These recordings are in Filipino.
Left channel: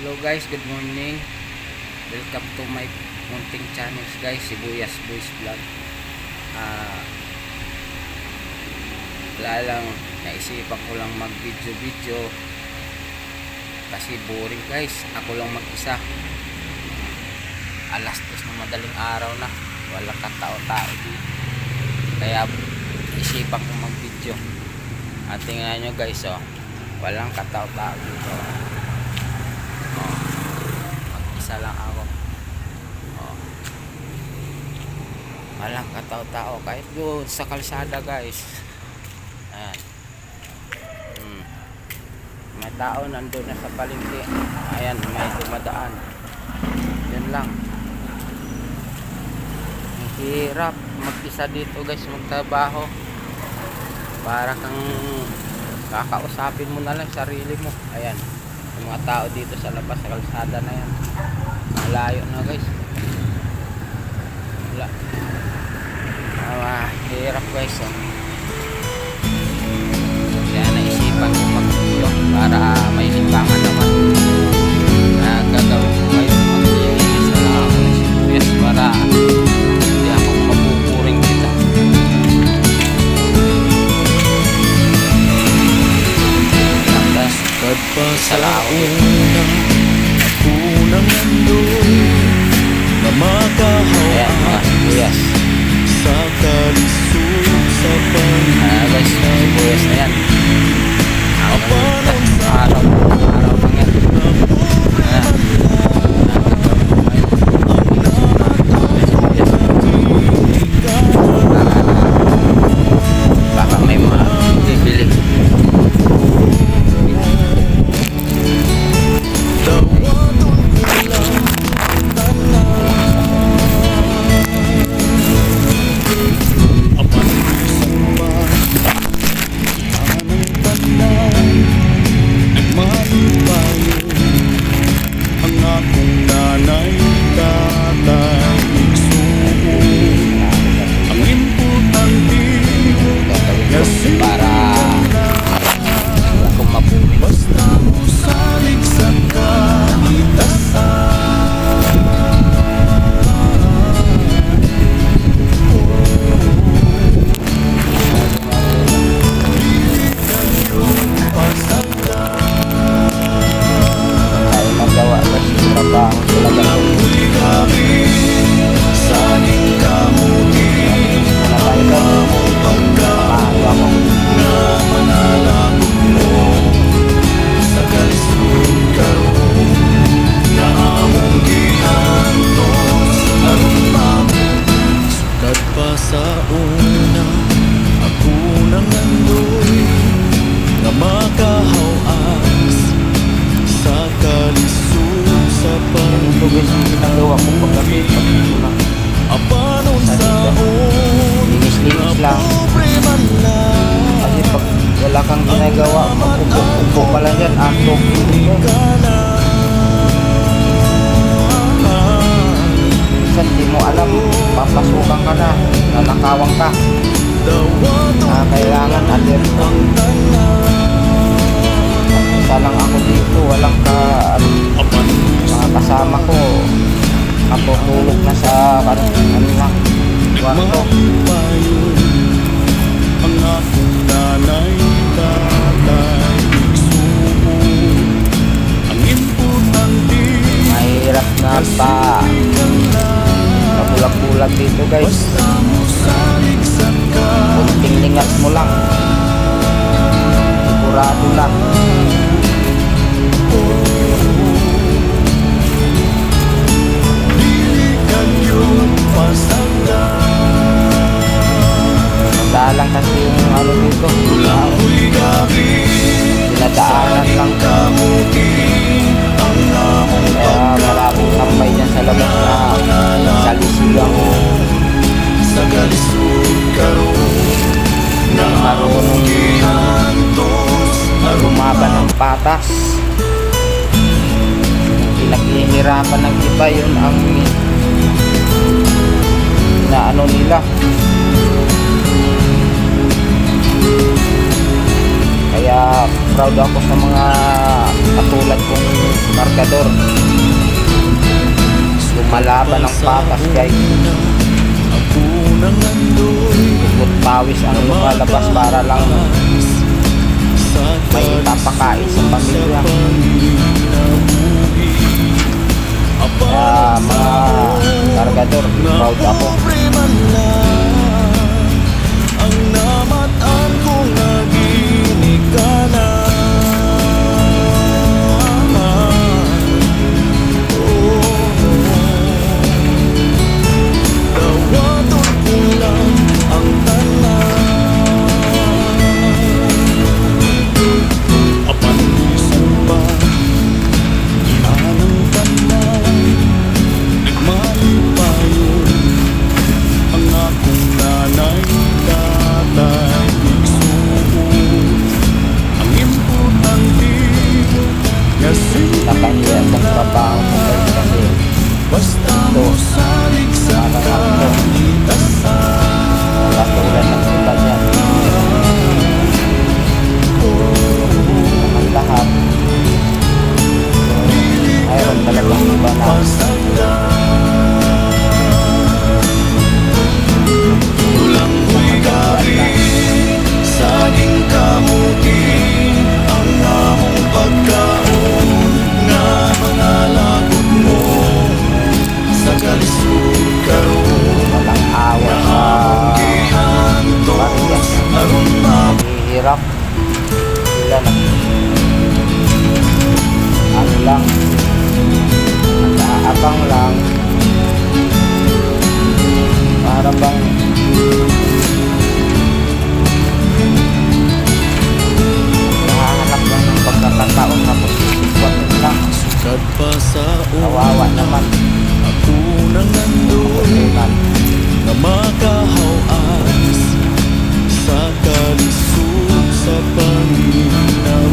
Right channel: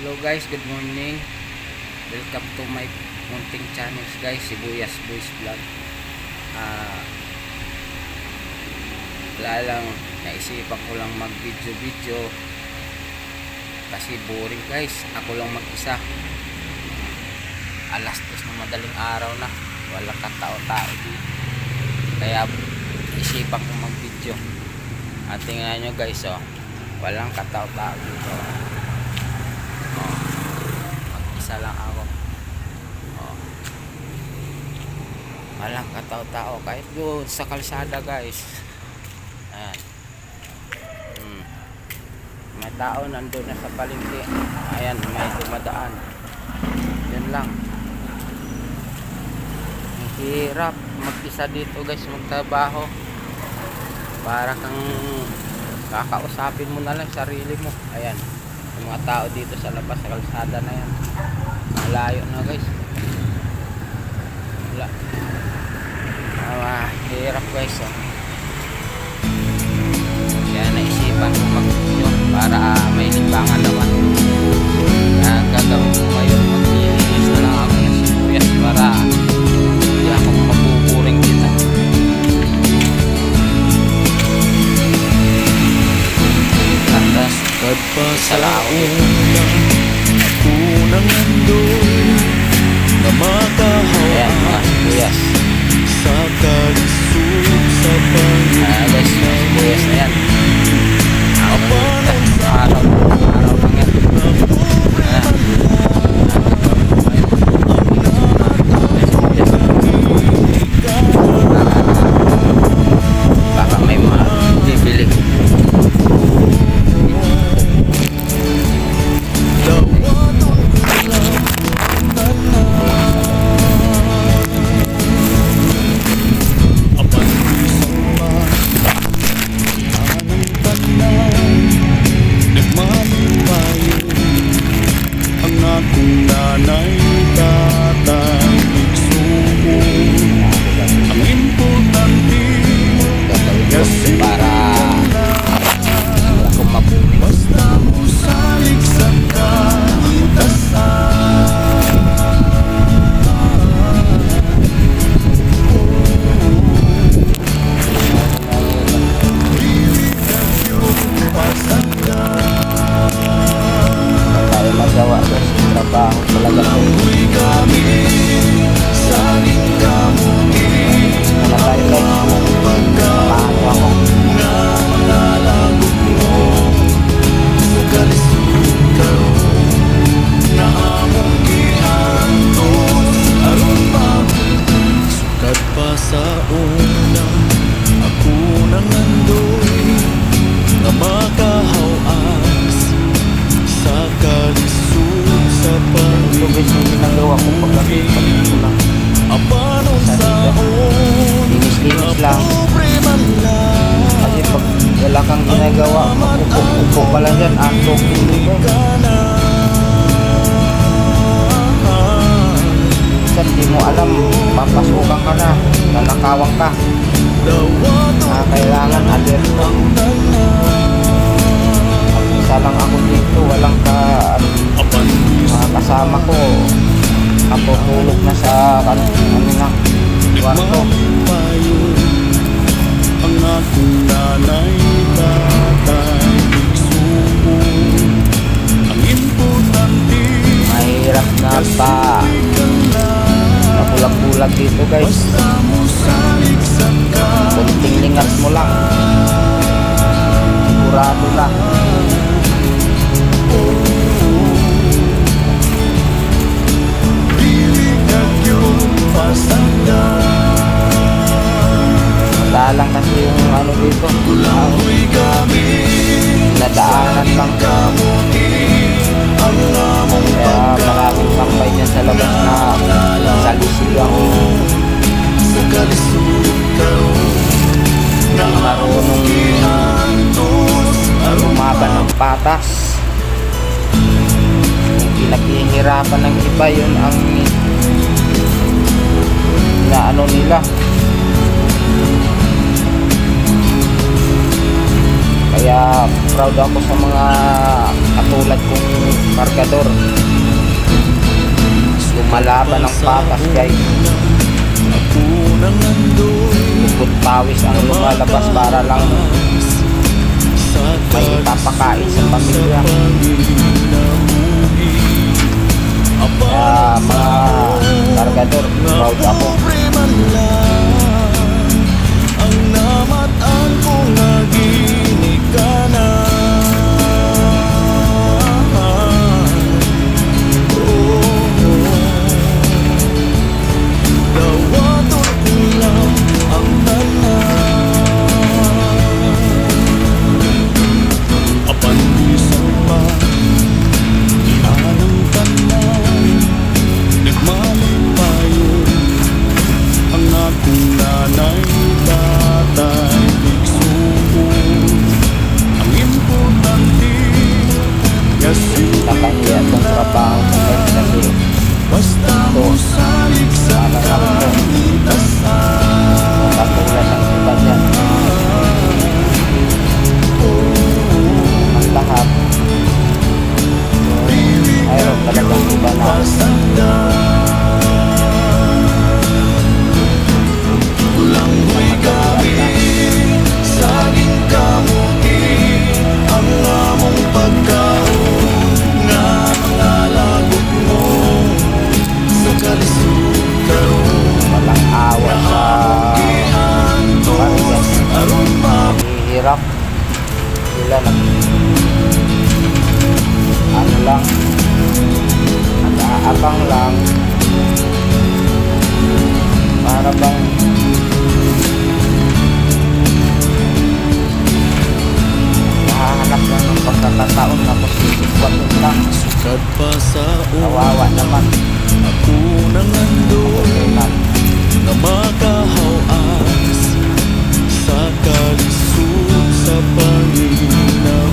Hello guys, good morning. Welcome to my munting channels guys, Sibuyas Boys Vlog. Wala lang, naisipan ko lang mag video kasi boring guys, ako lang mag-isa. Alas 2 na madaling araw na, walang katao-tao dito, kaya isipan ko mag video. At tingnan nyo guys, oh, walang katao-tao dito. Mag-isa lang ako. Walang katao-tao kahit doon sa kalsada guys. Ayan. May tao nandun na sa palengke. Ayan, may dumadaan. Yan lang. Ang hirap mag-isa dito guys, magtrabaho. Para kang kakausapin mo na lang sarili mo. Ayan, yung mga tao dito sa labas sa kalsada na yan, malayo na guys. Wala. Hirap guys, oh. Kaya naisipan ko mag-video para may libangan naman. Kaya gagawin ko ngayon, maglilinis na lang ako ng sibuyas para hindi akong mabuburing dito. Kad pa sa una, ako nang nandoy na Ayan, mga makahawas sibuyas. sa kalisod sa Guys, mga sibuyas na yan. Ang Apanon sa araw lang yan. Baka may mabibili. dawaton ko lang ang tanan. Apan bisan pa anang tanan, nagmalipayon ang akong nanay, tatay, igsuon. Ang importante nga Gagawin ko para simple kung mabuhay. basta mo salig sa kalitasan. Dili kag yun pasagdan. Tayo magawa kasi trabaho talaga. Lamboy kami saging kamuti. Muna tayo guys. Among Paano ako? pagkaon nga mga lagok mo sa kalisod karon nga among giantos aron sukad pa sa una, ako nang nandoy nga makahawas sa kalisod sa Ito guys yung ginagawa ko paggabi. Apanon saon Linis-linis lang. pobre man lang. Kasi pag wala kang ginagawa, magkumpok-kumpok ka lang yan. Antok dito. Minsan di mo alam, papasukan ka na, nanakawang ka. Kailangan alerto. Isa lang ako dito, walang mga kasama ko. Natutulog na sa kanila kwarto. Ang akong nanay, tatay, igsuon. Ang importante Mahirap na pa pabulag-bulag dito guys. basta mo salig sa Kunting lingas mo lang, sigurado na. dili kag yun pasagdan. Madalang kasi yung ano dito, Lamboy kami dinadaanan lang. kamuti ang among Kaya maraming tambay dyan sa labas na salisigang sa kalisod karon nga Hindi marunong giantos lumaban ng patas. Yung pinaghihirapan ng iba, yun ang inaano nila. Kaya proud ako sa mga katulad kong kargador. Lumalaban ng patas guys. Ako nang andoy Ugot pawis ang lumalabas para lang may ipapakain sa pamilya. Kaya mga kargador, proud ako. Ang namatan ko nga ginikanan. Dawaton ko lang ang tanan. Apandisan pa ianang tanan. Nagmalipayon ang akong nanay, tatay, igsuon. Ang importante nga Nakahiya itong trabaho ko guys kasi basta mo salig sa kalitasan. katulad ng iba dyan. Naman lahat. Mayroon talagang iba na Tulang huy gamit, saging kamuti, ang among pagkaon, nga mga lagot mo, sa kalisod karon, walang awa nga sa among giantos, aron hirap. Sila ano lang, nag-aabang lang para bang nahahanap lang ng pagkakataon tapos isikwatin lang. sukad pa sa Kawawa naman. ako nang andoy Tunan. nga makahawas sa kalisod sa panginabuhi.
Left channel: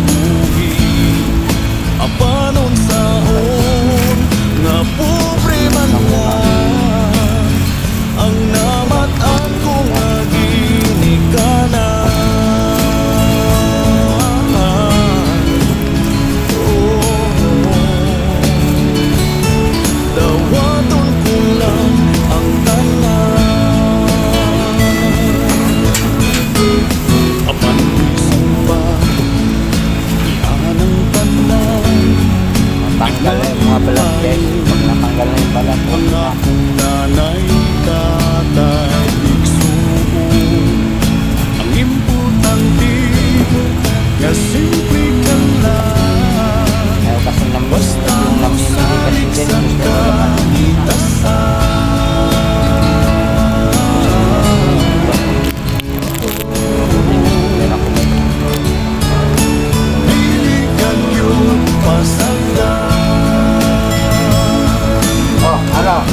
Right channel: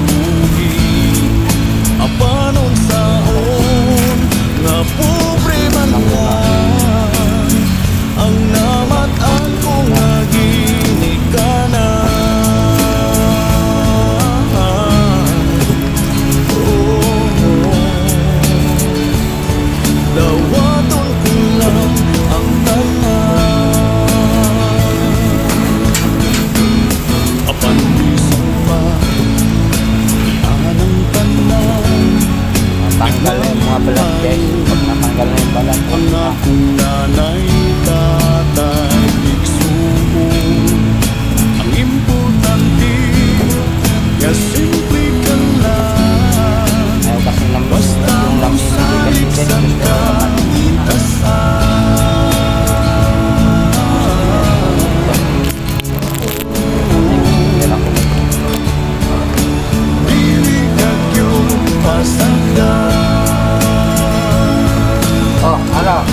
Apanon saon nga pobre man lang ang namatan ko nga ginikanan. Dawaton ko lang ang tanan. Apandisan pa ianang tanan. Natanggal na yung mga balat guys. Pag natanggal na yung balat, Ang akong nanay, tatay, igsuon. Ang importante nga simple ka lang. ayaw kasi Basta yung namimili kasi masalig guys, sa gusto nila Meron ako guys. Dili kag yun pasagdan. Oh, ano?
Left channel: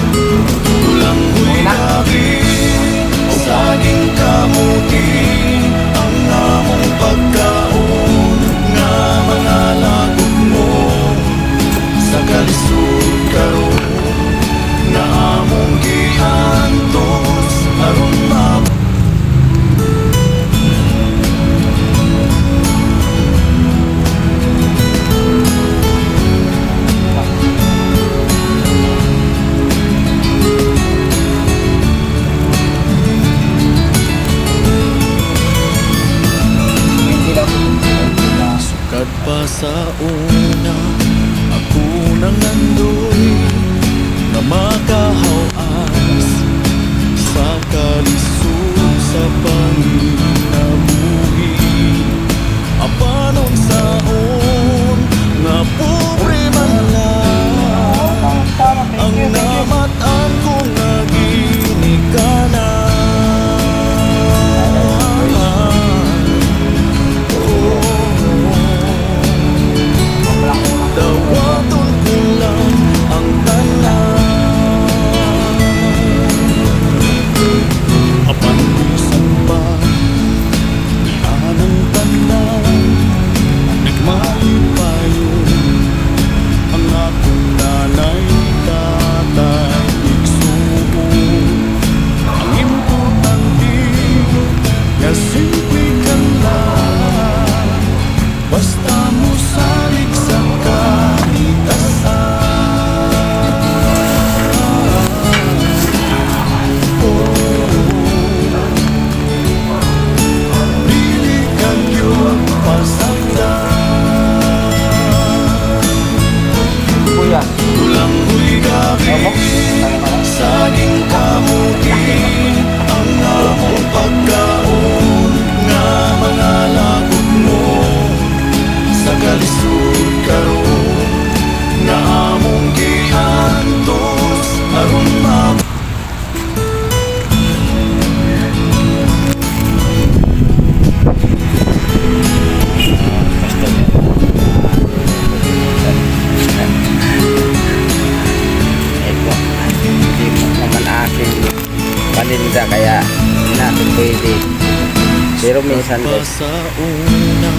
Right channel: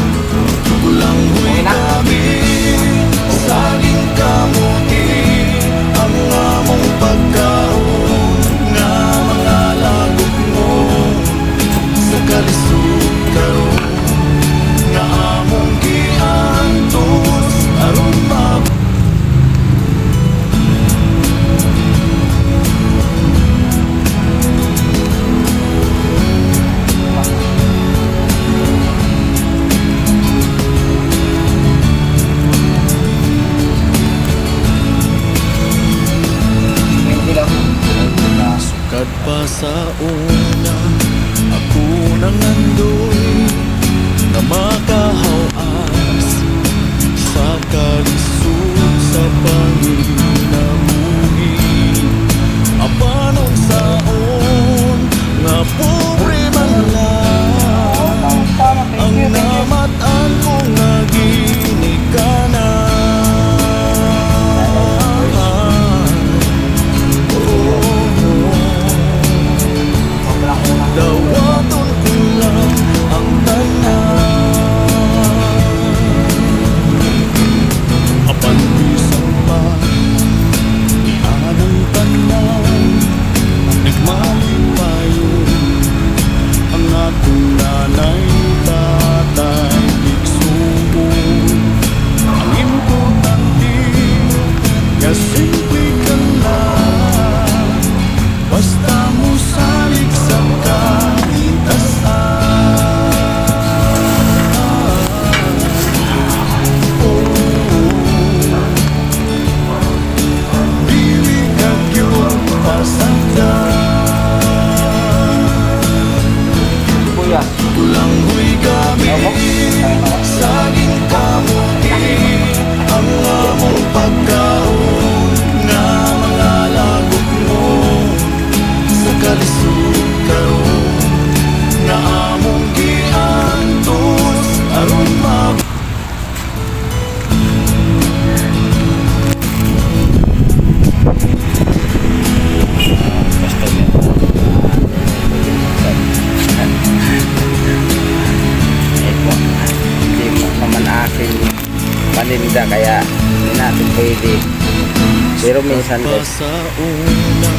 Tulang huy Okay na? gamit, saging kamuti, ang among pagkaon, nga mga lagot mo, sa kalisod karon, nga among giantos, aron Hindi daw. sukad pa sa una, ako nang andoy nga makahawas sa kalisod sa panginabuhi. Apanon saon nga pobre man lang ang namatan ko nga ginikanan. Dawaton ko lang ang tanan. Apandisan pa ianang tanan. Nagmalipayon ang akong nanay, tatay, igsuon. Ang importante nga simple ka lang, basta mo salig sa kahit saging kamuti ang among pagkaon nga mga lagok mo sa kalisod karon na among giantos aron mab customer ito hindi mo naman akin paninda kaya hindi natin pwede pero minsan guys sa una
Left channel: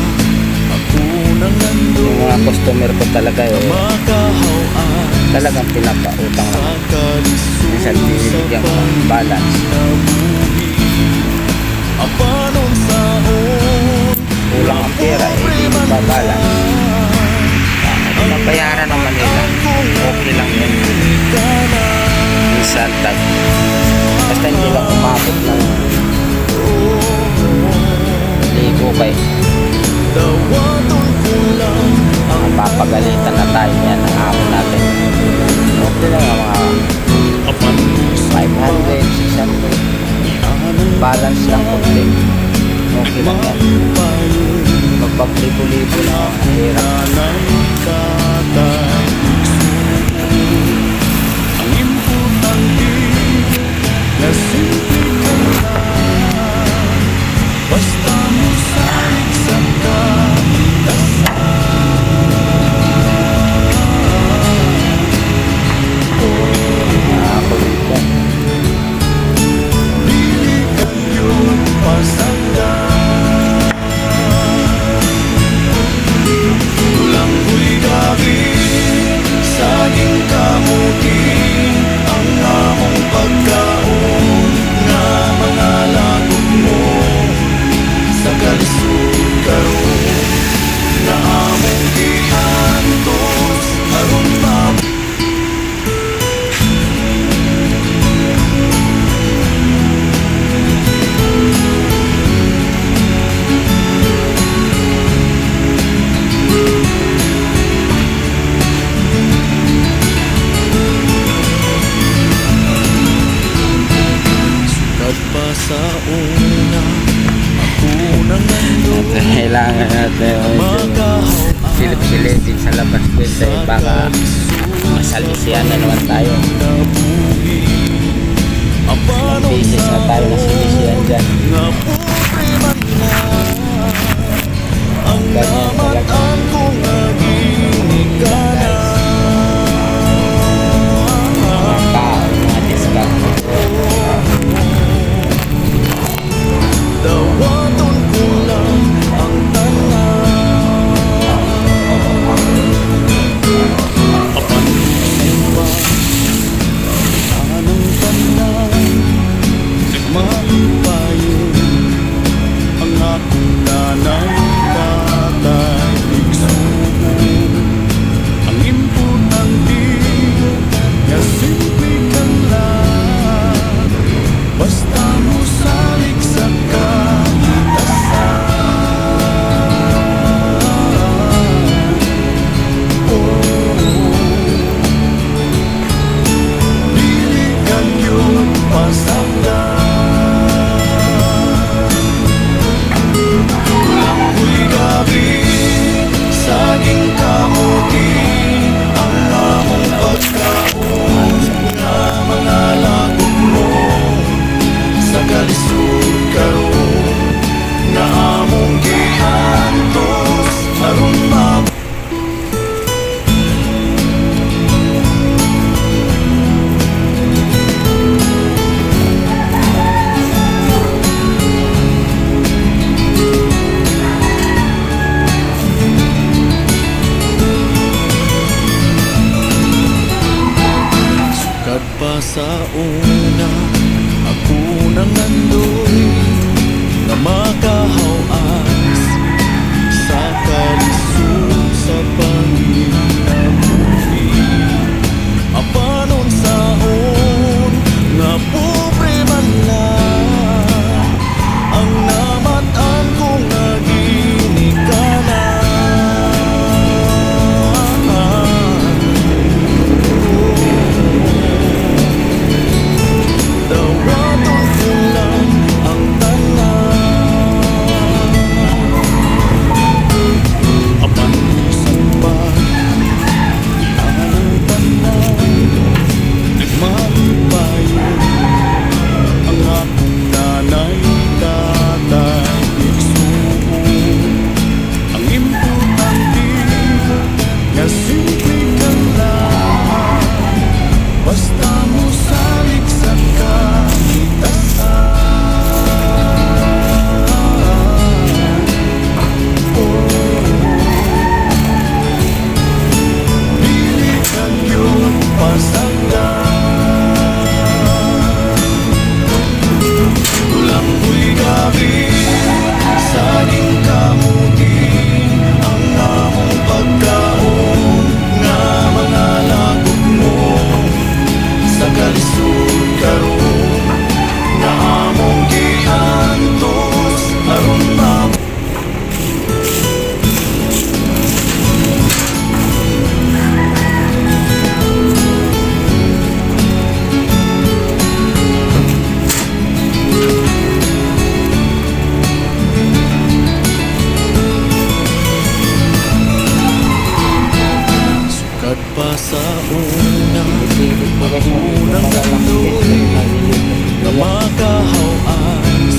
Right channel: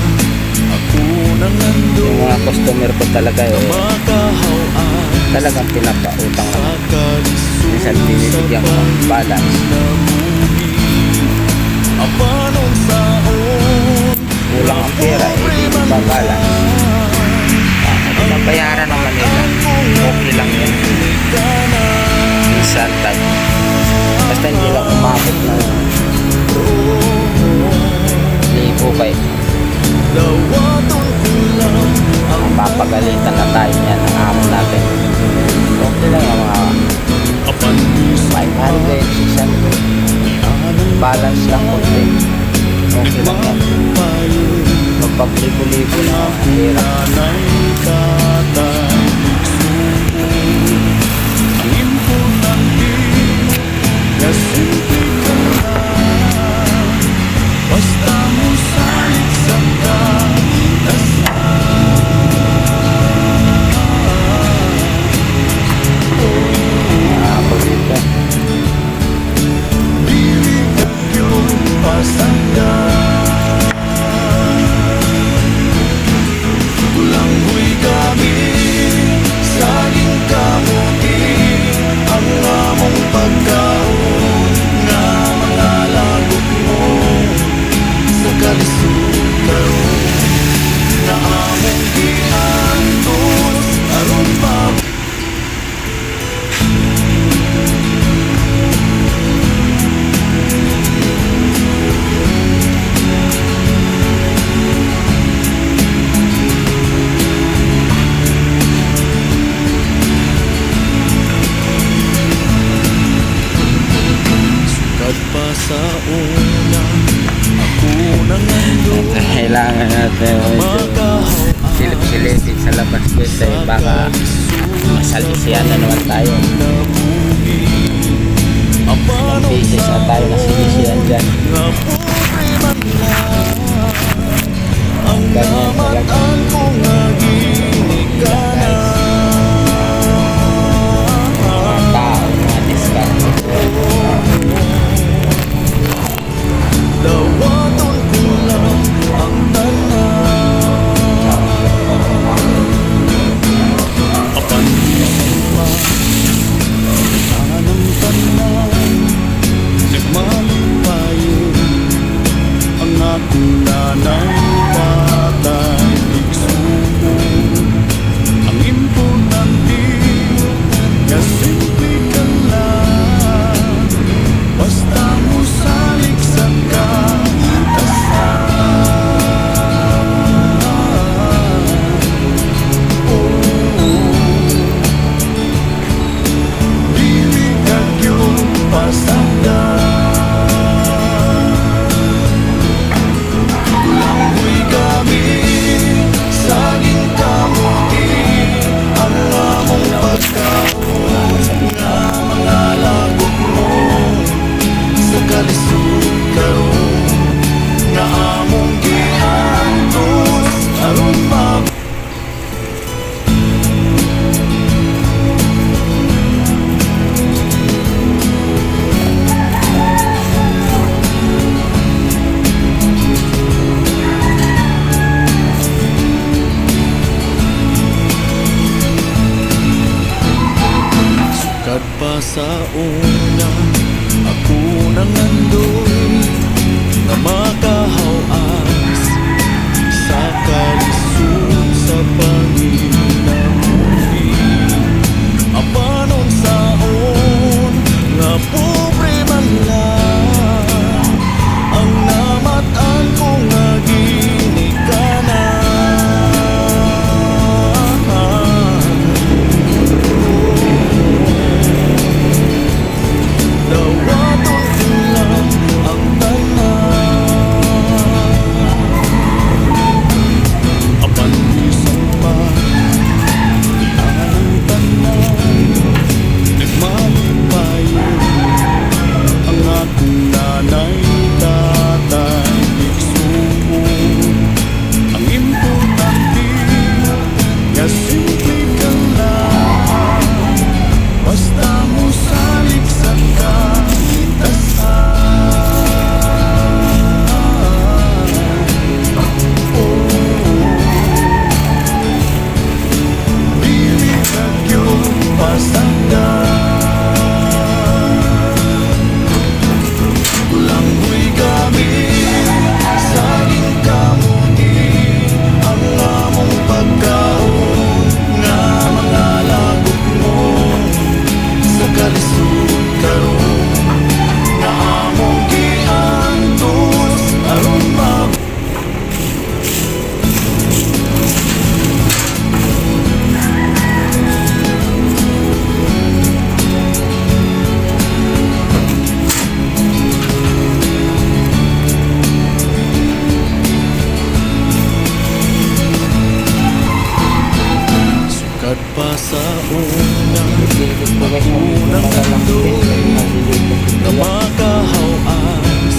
ako nang nandun yung mga customer ko talaga makahawan talagang pinapautang sa naman kalisod minsan binibigyan ko ng balance apanon saon kulang ang pera hindi pa balance mabayaran naman nila okay lang yan minsan basta hindi lang umabot ng libo kay dawaton ko lang ang mapapagalitan na tayo yan ang amo natin okay lang yung mga 500, 600 balance lang konti okay lang yan magpaglibo-libo na ang hirap tatay igsuon ang importante na simple ka lang basta mo salit sa ako dito dili ka gyud pasagdan tulanggoy gabi saging kamuti ang among pagkaon nga mga lagok mo sa kalisod karon na among giantos aron mab pa sa una ako nang nandun kailangan natin silip-silipin sa labas kasi baka masalisiyan na naman tayo ang bisis na tayo na silisiyan dyan ganyan talaga mga tao, mga diskarte dawaton ko lang ang tanan apan bisan pa anang tanan malipayon ang akong nanay tatay igsuon ang importante nga simple ka lang basta mo salik sa kahitasan dili ka gyud pasagdan langgoy gabi saging kamuti ang among pagkaon nga mga lagok mo sa kalisod karon na among giantos aron mab sukad pa sa una ako nang nandoy nga makahawas sa kalisod sa panginabuhi apanon saon nga pobre man lang ang namatan ko nga ginikanan simple ka lang, basta mo salik sa kalitasan. Dili kag yun pasagdan, tulanghoy kami saging kamuti ang among pagkaon nga mga lagok mo sa kalisod karon nga among giantos aron sukat pa sa unang Pinipilit ko guys yung unang malalaki guys kasi maliliit na na siya. makahawas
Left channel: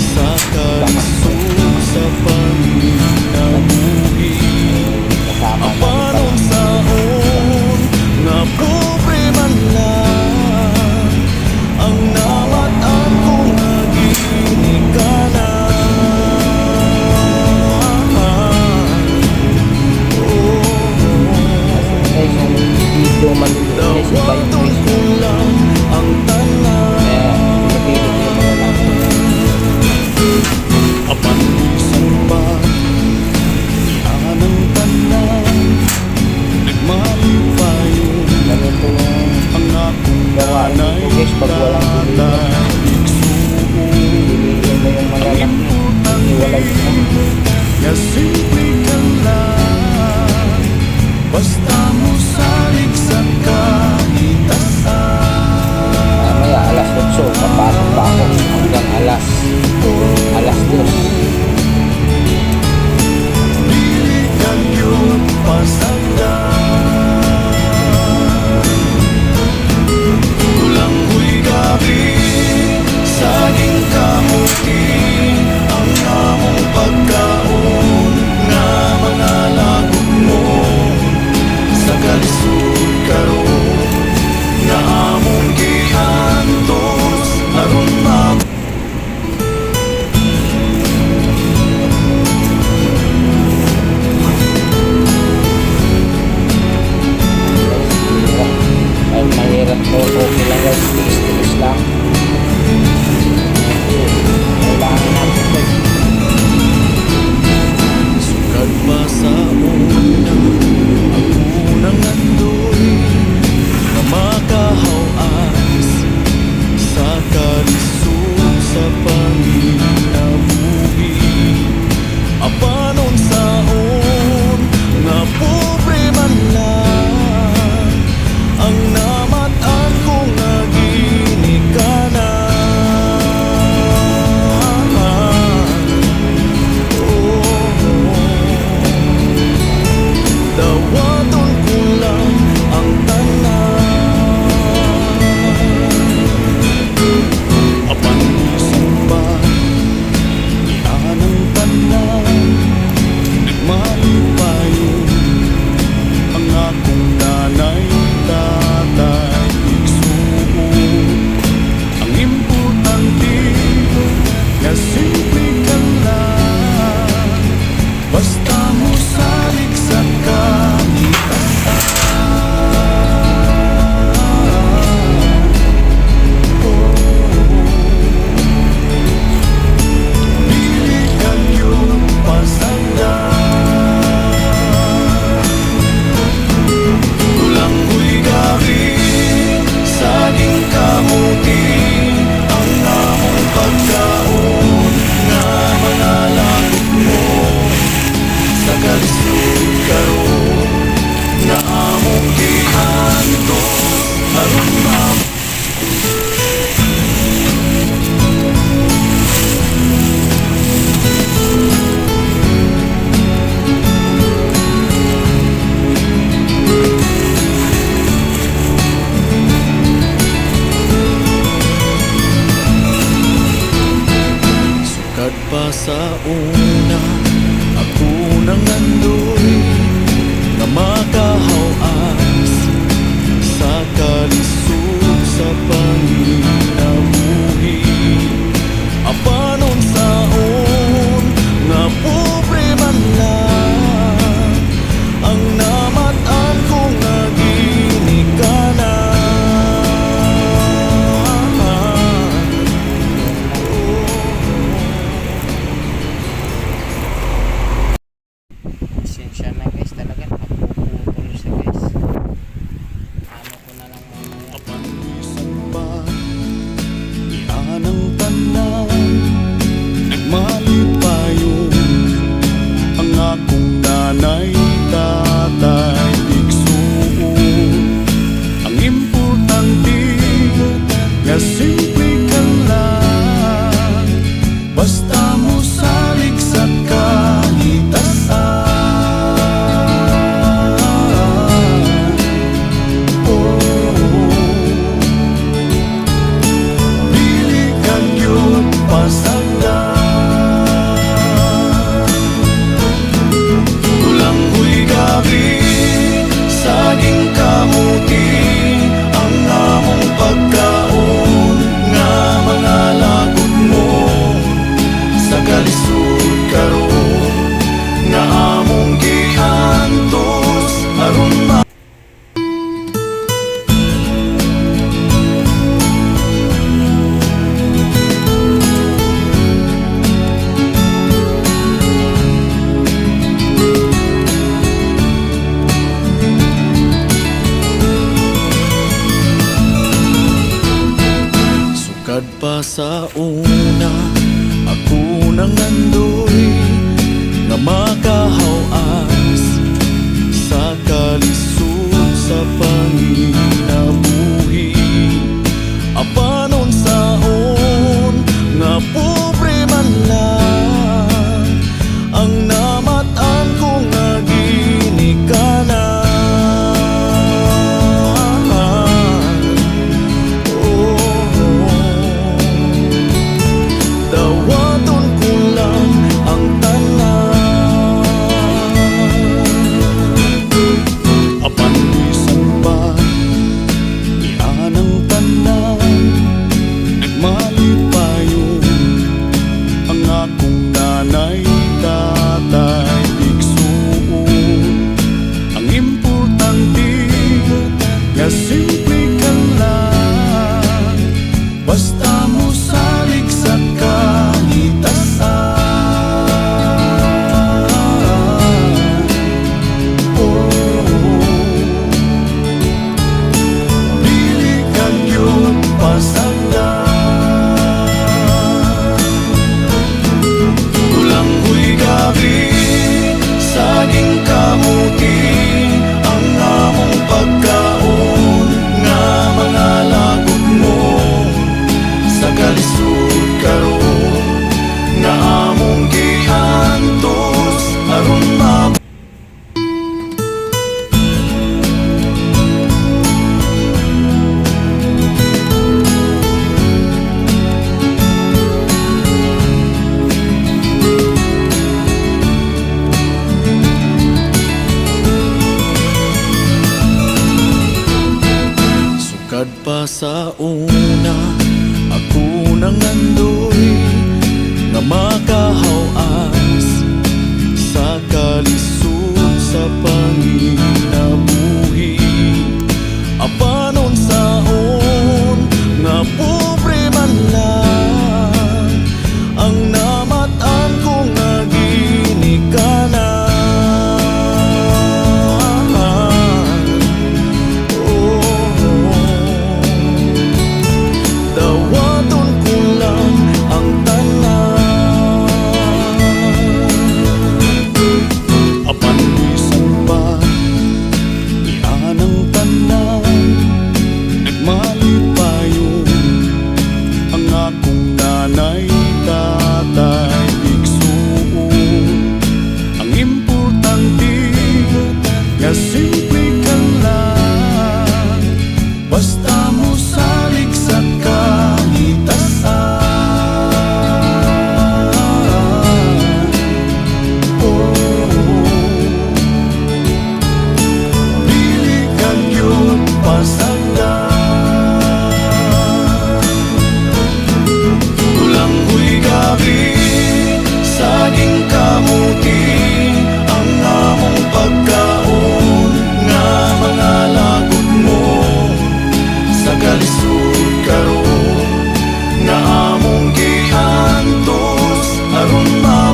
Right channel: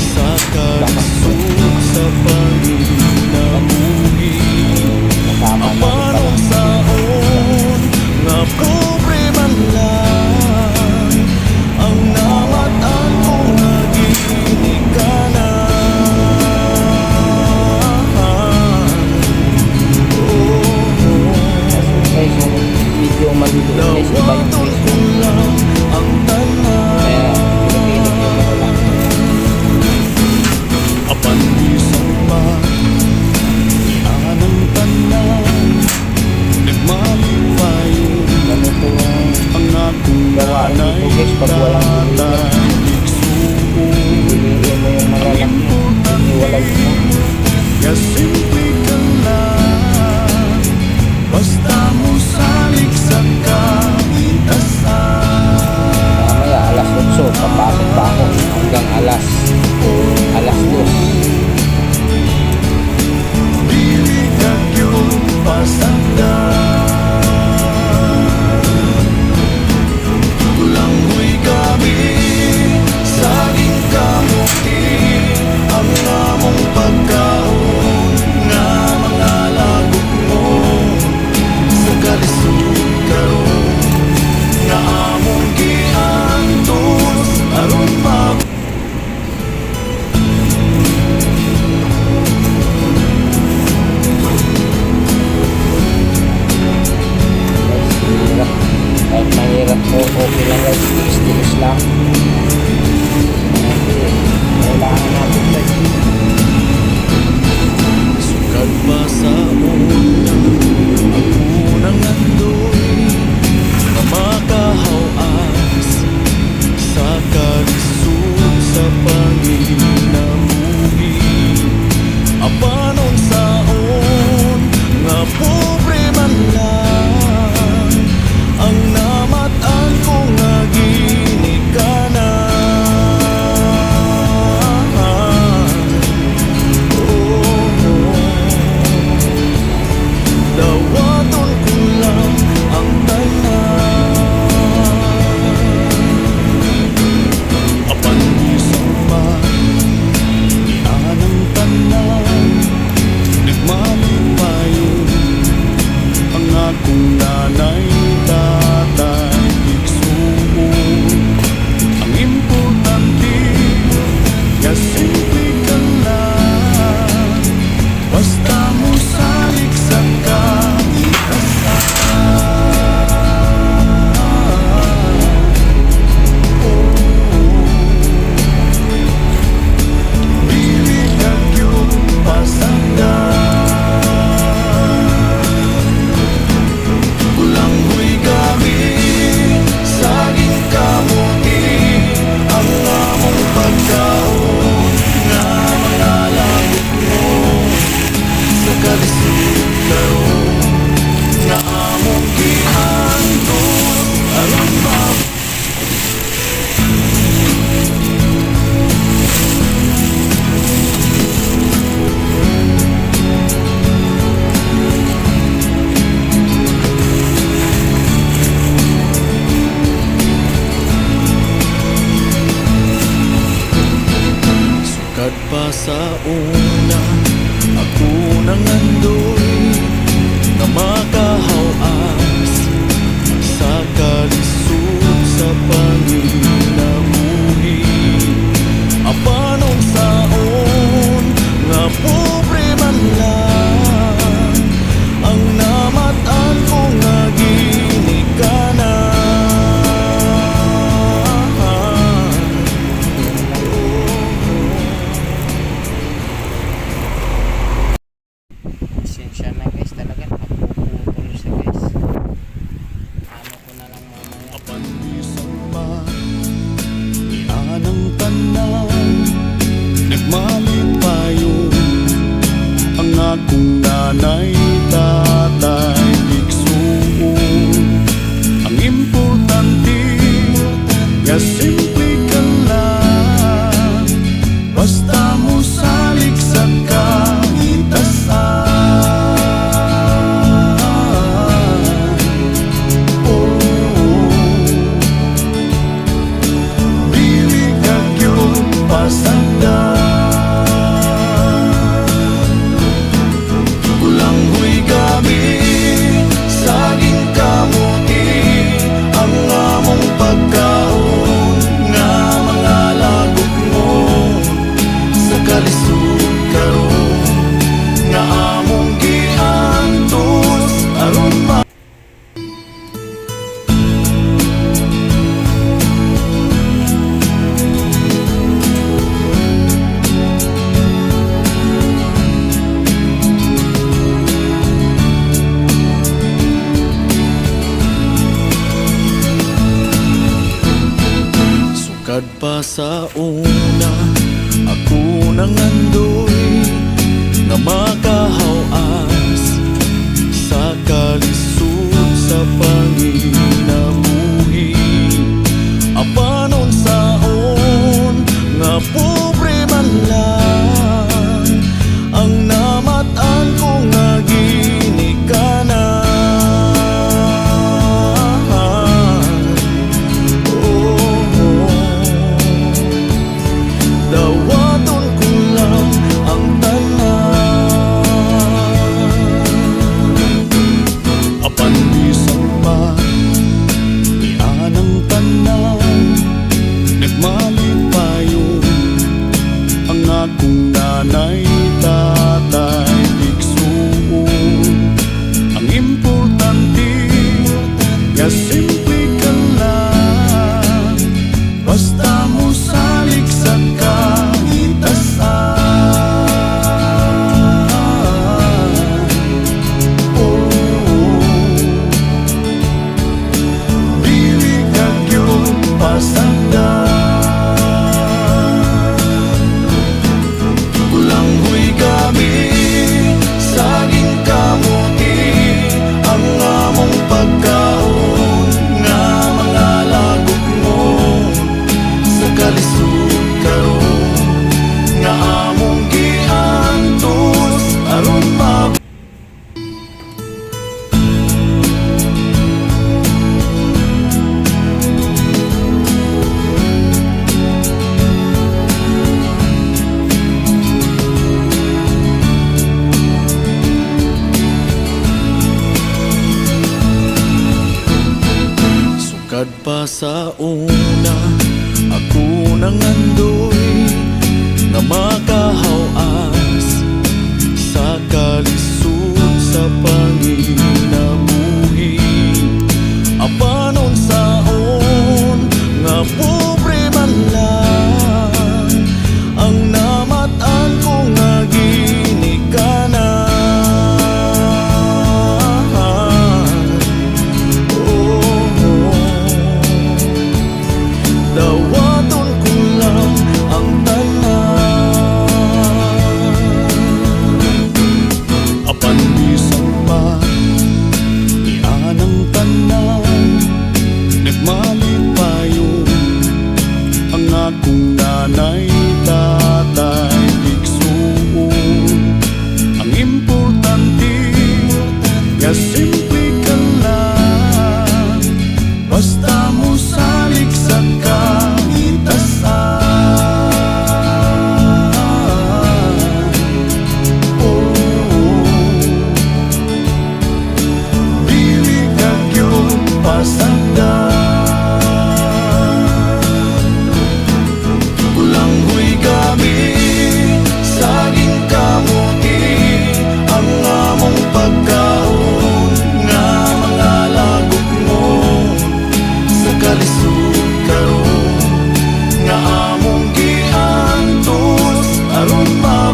sa kalisod sa panginabuhi. Kasama na rin pala. Apanon saon nga pobre man lang ang namatan ko nga ginikanan. Guys, yung medyo maliliit guys, iba yung Dawaton face ko mo. lang ang tanan. Kaya pinipilit ko yung malalaki. Apan bisan pa anang tanan, nagmalipayon Ganito yung ang akong gawain nanay dito guys pag walang deliver. tatay igsuon. Piliin mo yung Ang malalaki. importante Iwalay mo. nga simple ka lang, basta mo salig sa kalitasan. Mamaya alas 8 papasok pa ako hanggang alas 2. Dili kag yun pasagdan, tulanghoy kami saging kamuti ang among pagkaon nga mga lagok mo sa kalisod karon nga among giantos aron Guys, hirap. Kahit mahirap to, okay lang guys. Tiis-tiis lang. Kasi kailangan natin guys. sukat pa sa unang ang unang andoy na makahawas sa kalisod sa panginabuhi. Apanon saon nga pobre man lang ang namatan ko nga ginikanan. Dawaton ko lang ang tanan. Apan bisan pa ni anang tanan, nagmalipayon ang akong nanay tatay igsuon. Ang importante nga simple ka lang, basta mo salig sa kalitasan. Dili kag yun pasagdan, tulanghoy kami saging kamuti ang among pagkaon nga mga lagok mo sa kalisod karon nga among giantos aron sukat pa sa una ako nang andoy nga makahawas sa kalisod sa panginabuhi. Apanon saon nga pobre man lang ang namatan ko nga ginikanan. Pasensya na guys, talaga napuputol siya guys. Ano ko na lang mamaya. Apandisan pa ni anang tanan, nagmalipayon ang akong nanay, tatay, igsuon. Ang importante nga simple ka lang, basta mo salig sa kahitasan. Oh, dili ka gyud pasagdan. Ulanghoy kami, saging kamuti, ang among pagkaon nga mga lagot mo sa kalisod karon nga among giantos aron ma. Sukad pa sa una, ako nang andoy nga makahawas sa kalisod sa panginabuhi. Apanon saon nga pobre man lang ang namatan ko nga ginikanan. Dawaton ko lang ang tanan. Apandisan pa ni anang tanan, nagmalipayon ang akong nanay, tatay, igsuon. Ang importante nga simple ka lang, basta mo salig sa kahitasan. Oh, dili ka gyud pasagdan. Ulanghoy kami, saging kamuti, ang among pagkaon nga mga lagot mo sa kalisod karon nga among giantos aron ma. Sukad pa sa una, ako nang andoy nga makahawas sa kalisod sa panginabuhi. Apanon saon nga pobre man lang ang namatan ko nga ginikanan. Oh, dawaton ko lang ang tanan. Apandisan pa ni anang tanan, nagmalipayon ang akong nanay, tatay, igsuon. Ang importante nga simple ka lang, basta mo salig sa kahitasan. Oh, kalisod karon nga among giantos aron ma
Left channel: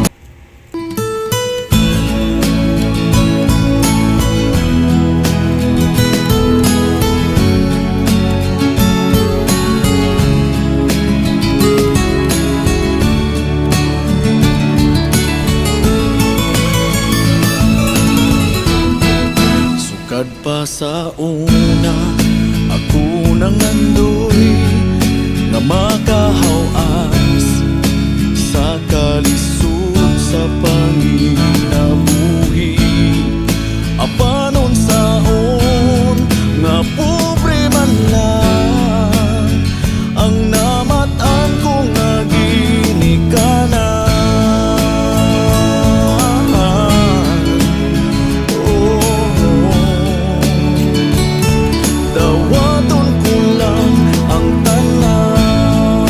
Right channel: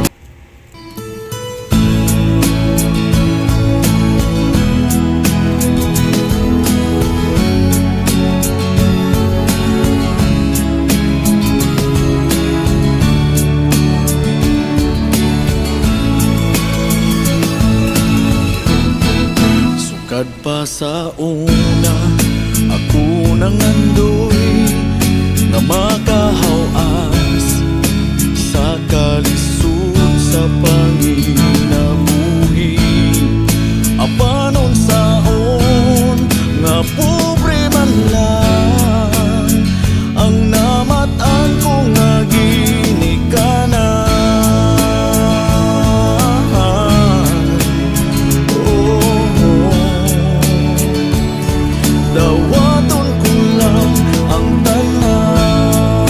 sukad pa sa una ako nangandoy nga makahawas sa kalisod sa panginabuhi apanon saon nga pobre man lang ang namatan ko nga ginikanan. Dawaton ko lang ang tanan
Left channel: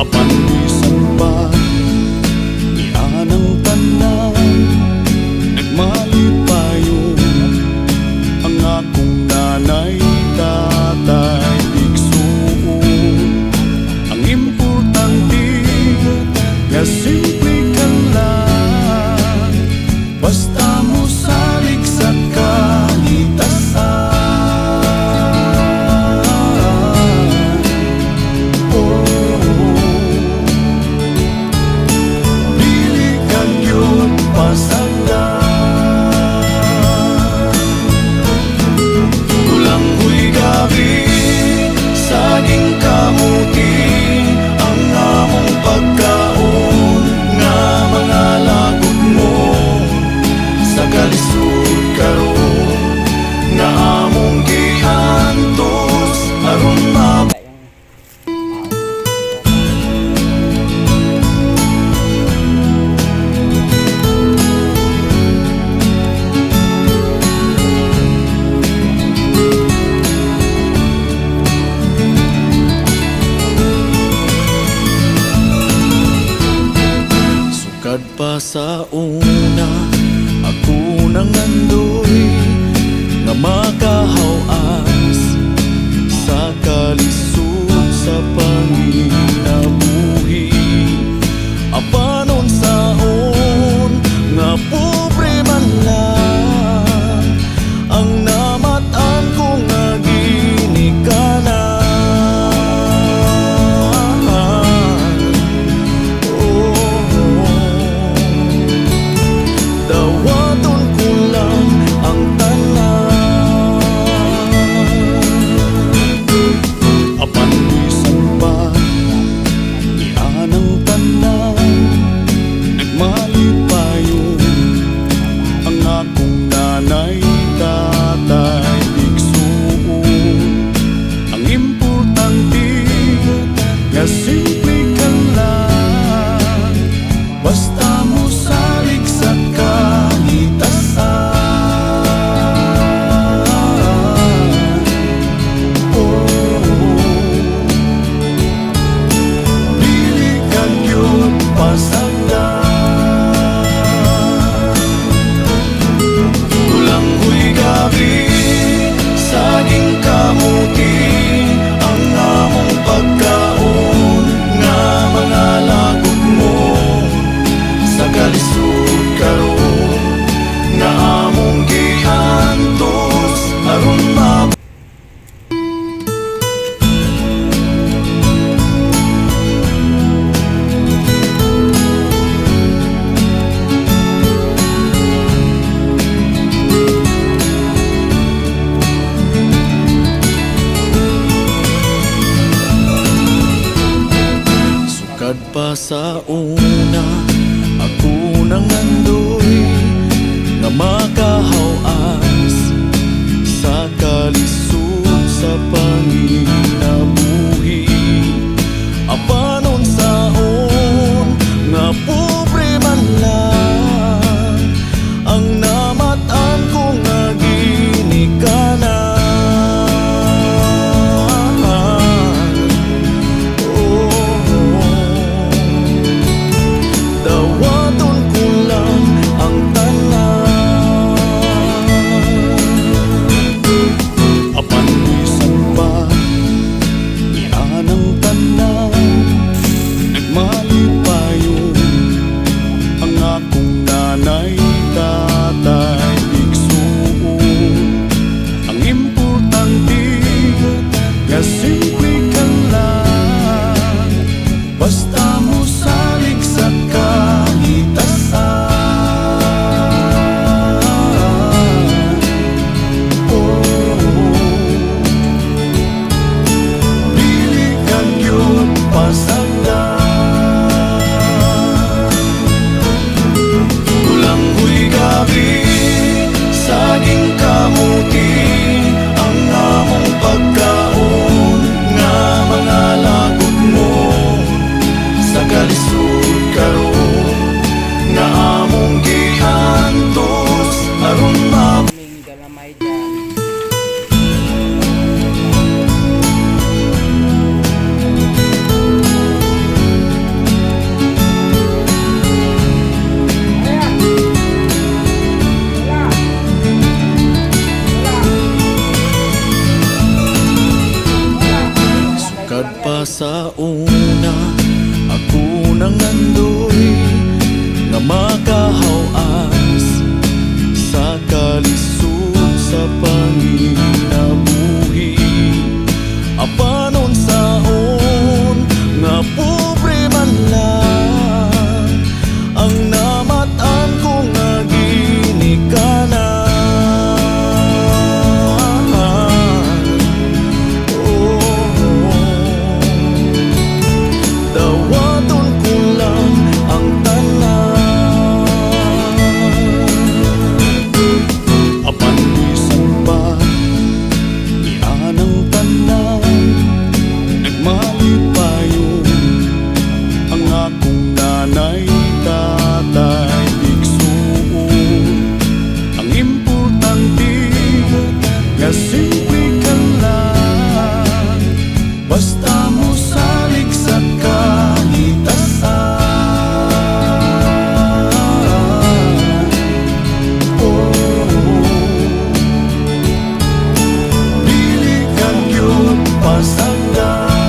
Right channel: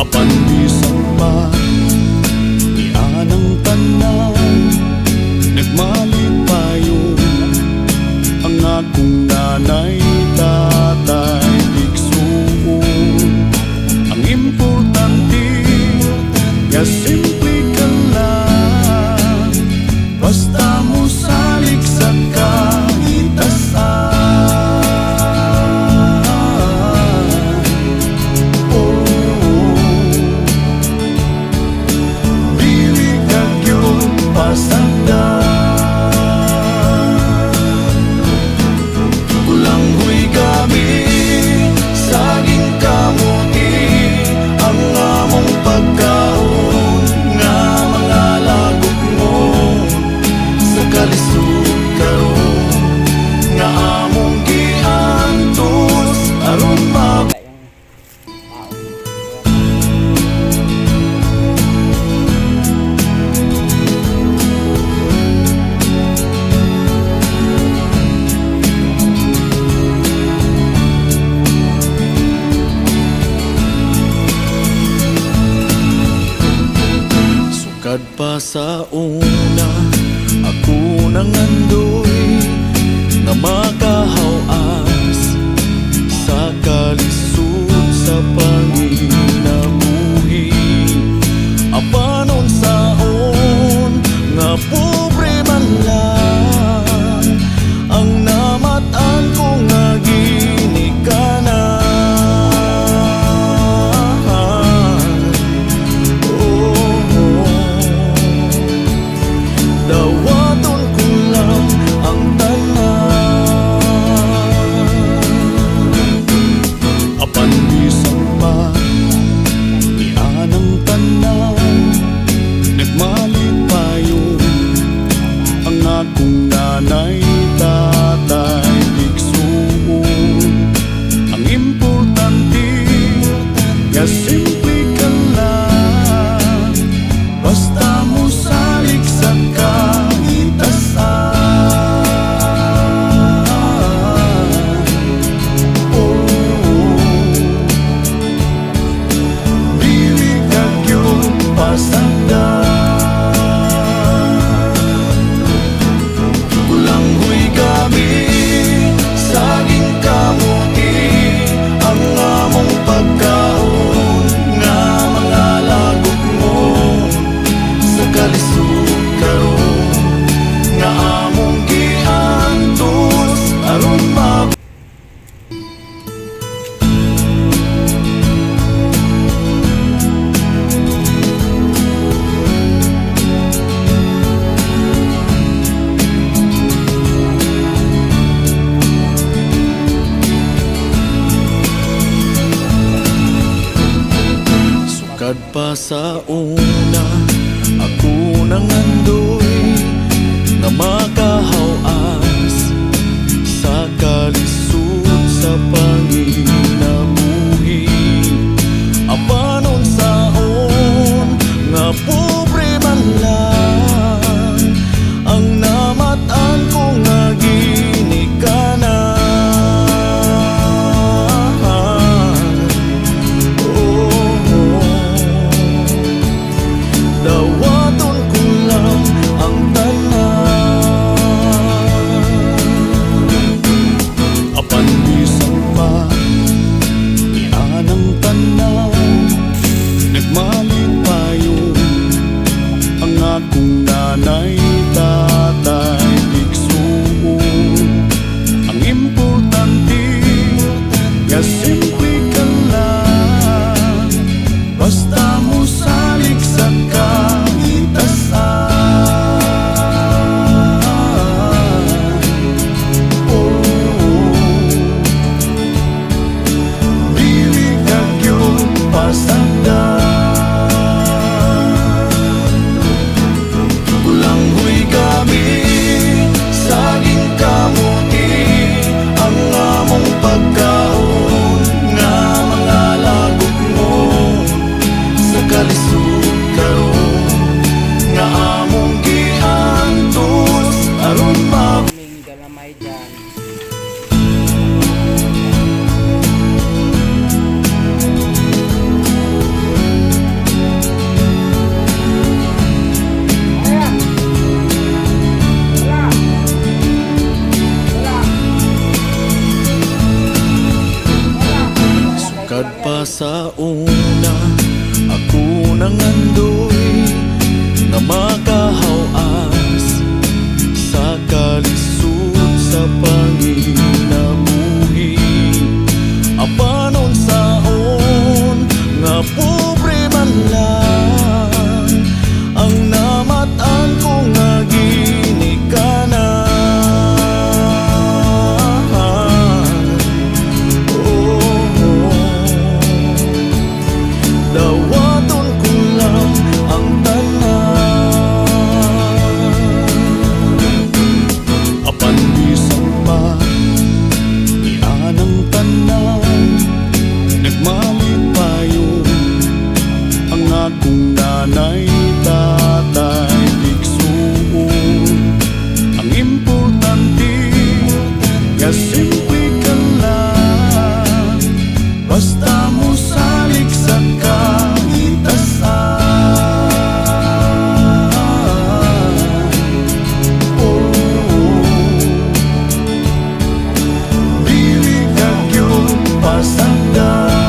apan bisan pa ni anang tanan nagmalipayon ang akong nanay tatay igsuon ang importante nga simple ka lang basta mo salig sa kahitasan. Oh, dili ka gyud pasagdan. Kulang huy gabi, saging kamuti, ang among pagkaon nga mga lagot mo. Sa kalisod karon nga among giantos aron ma sukad pa sa una ako nangandoy nga makahawas sa kalisod sa panginabuhi apanon saon nga pobre man lang ang namatan ko nga ginikanan. Dawaton ko lang ang tanan apan bisan pa ni anang tanan nagmalipayon ang akong nanay tatay igsuon ang importante nga simple ka lang basta mo salig sa kahitasan. Oh, dili ka gyud pasagdan. Kulang huy gabi, saging kamuti, ang among pagkaon nga mga lagot mo. Sa kalisod karon nga among giantos aron ma sukad pa sa una ako nangandoy nga makahawas sa kalisod sa panginabuhi apanon saon nga pobre man lang ang namatan ko nga ginikanan. Dawaton ko lang ang tanan kamuti ang among pagkaon nga mga lagot mo sa kalisod karon nga among giantos aron Kaming galamay dyan. Nag-aabang lang. Ayan! Wala! Wala! Wala! sukad pa sa una ako nang andoy nga makahawas sa kalisod sa panginabuhi apanon saon nga pobre man lang ang namatan ko nga ginikanan. Oh, dawaton ko lang ang tanan apan bisan pa ni anang tanan nagmalipayon ang akong nanay tatay igsuon ang importante nga simple ka lang basta mo salig sa kahitasan. Oh, dili ka gyud pasagdan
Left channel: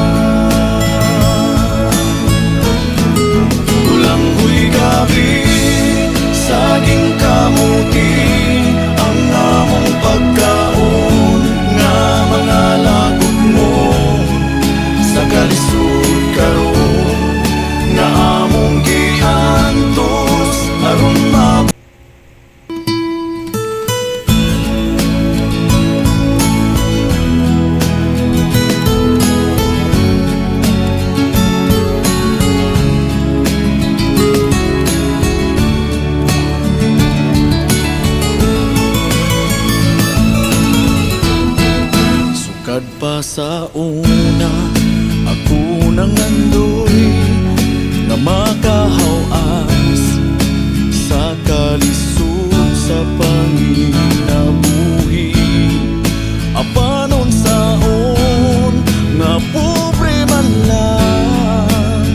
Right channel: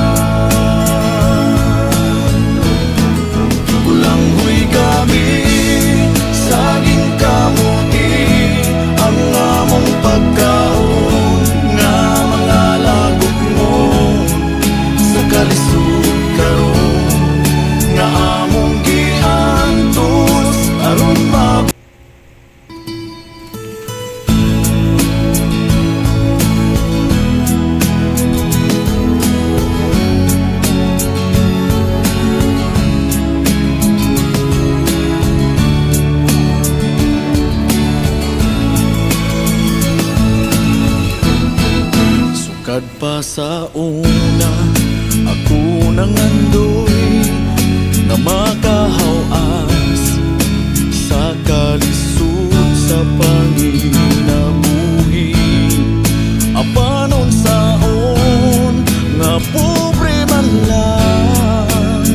ulanghoy kami saging kamuti ang among pagkaon nga mga lagot mo sa kalisod karon nga among giantos aron sukad pa sa una ako nang andoy nga makahawas sa kalisod sa panginabuhi apanon saon nga pobre man lang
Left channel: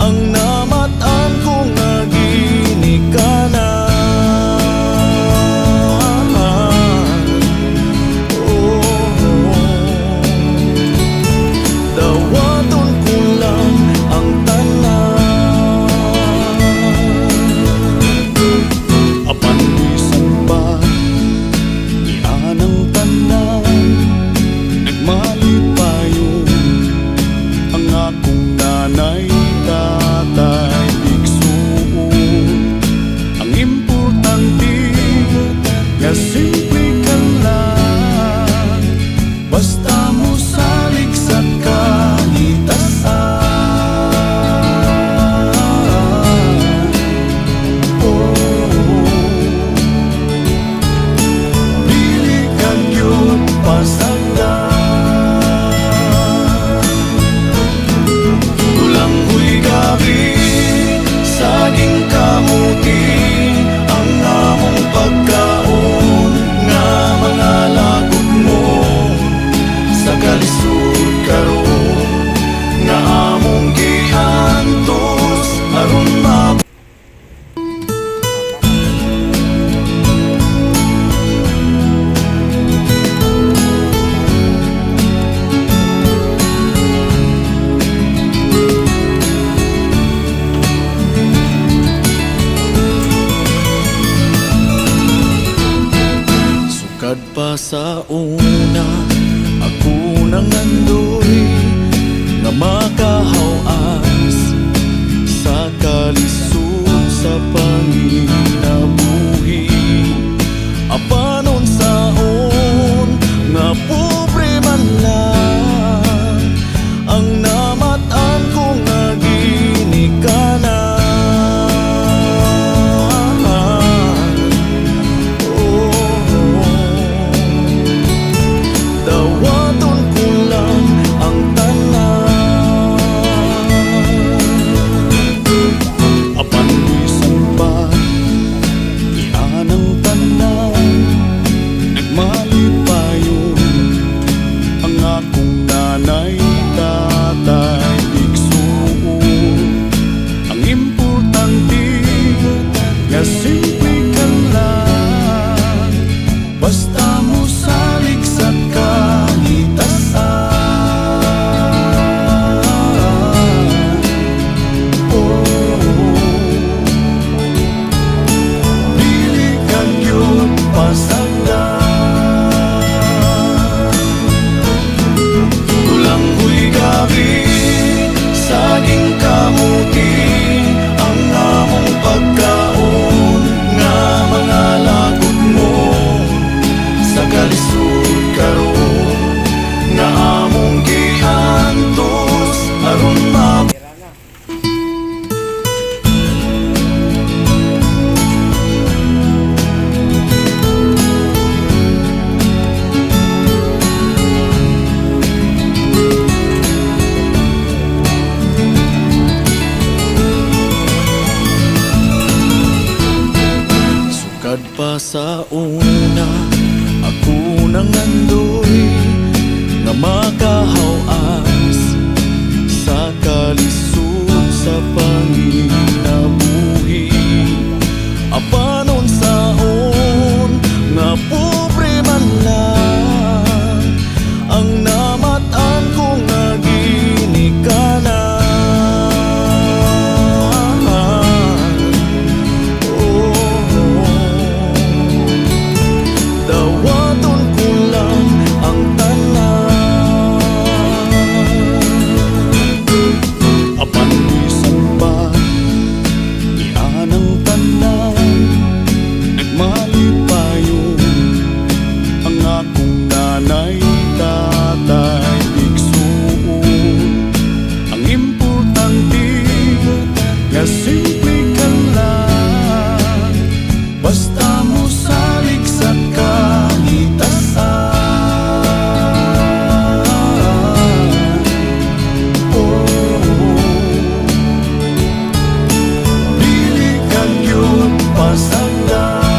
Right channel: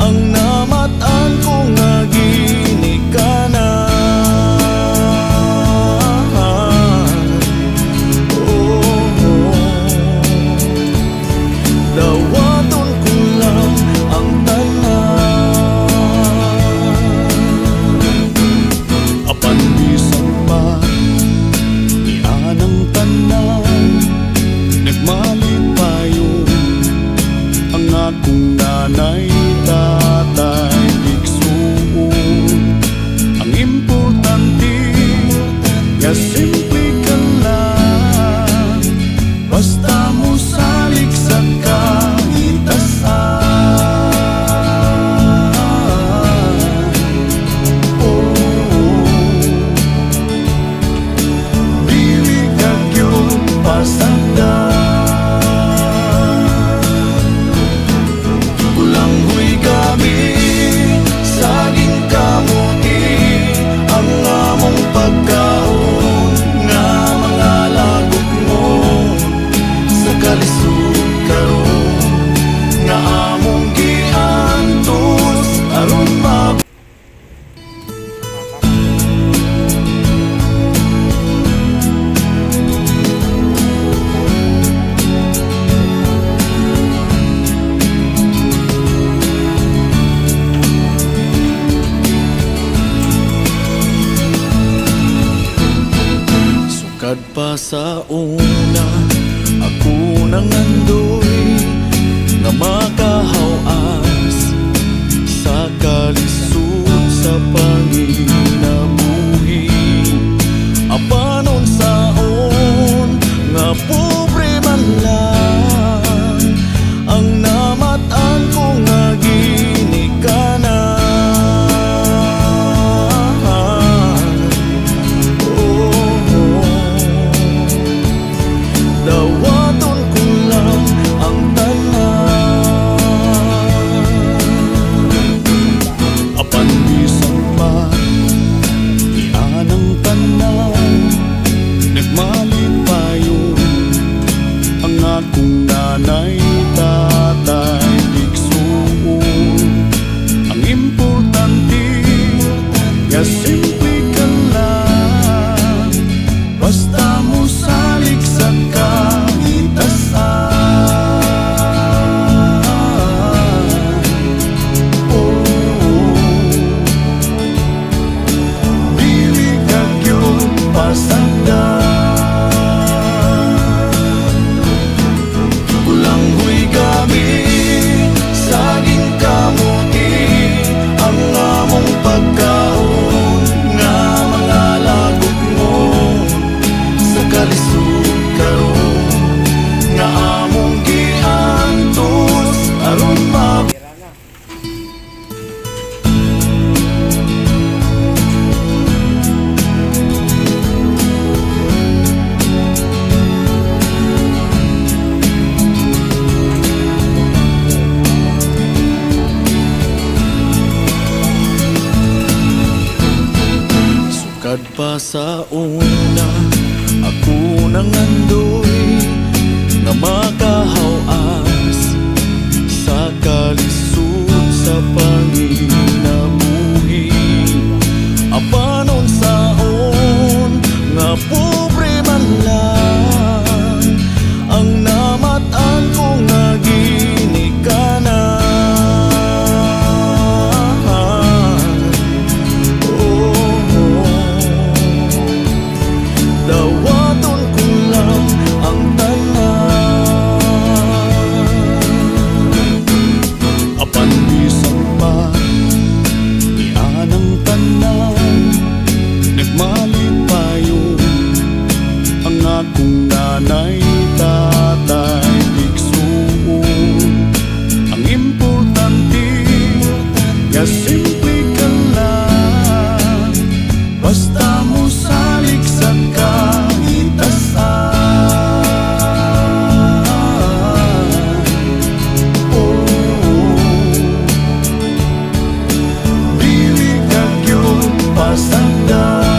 ang namatan ko nga ginikanan. Oh, dawaton ko lang ang tanan apan bisan pa ni anang tanan nagmalipayon ang akong nanay tatay igsuon ang importante nga simple ka lang basta mo salig sa kahitasan. Oh, dili ka gyud pasagdan ulanghoy kami saging kamuti ang among pagkaon nga mga lagot mo sa kalisod karon nga among giantos aron sukad pa sa una ako nang andoy nga makahawas sa kalisod sa panginabuhi apanon saon nga pobre man lang ang namatan ko nga ginikanan. Oh, Nagmalipayon ang akong nanay, tatay, igsuon. Ang importante nga simple ka lang, basta mo salig sa kahitasan. Oh, dili ka gyud pasagdan. Kulanghoy kami, saging kamuti, ang among pagkaon nga mga lagot mo sa kalisod karon nga among giantos aron Sukad pa sa una, ako nang andoy nga makahawas sa kalisod sa panginabuhi. Apanon saon nga pobre man lang ang namatan ko nga ginikanan. Dawaton ko lang ang tanan, apan bisan pa ni anang tanan. Nagmalipayon ang akong nanay, tatay, igsuon. Ang importante nga simple ka lang, basta mo salig sa kahitasan. Oh, dili ka gyud pasagdan.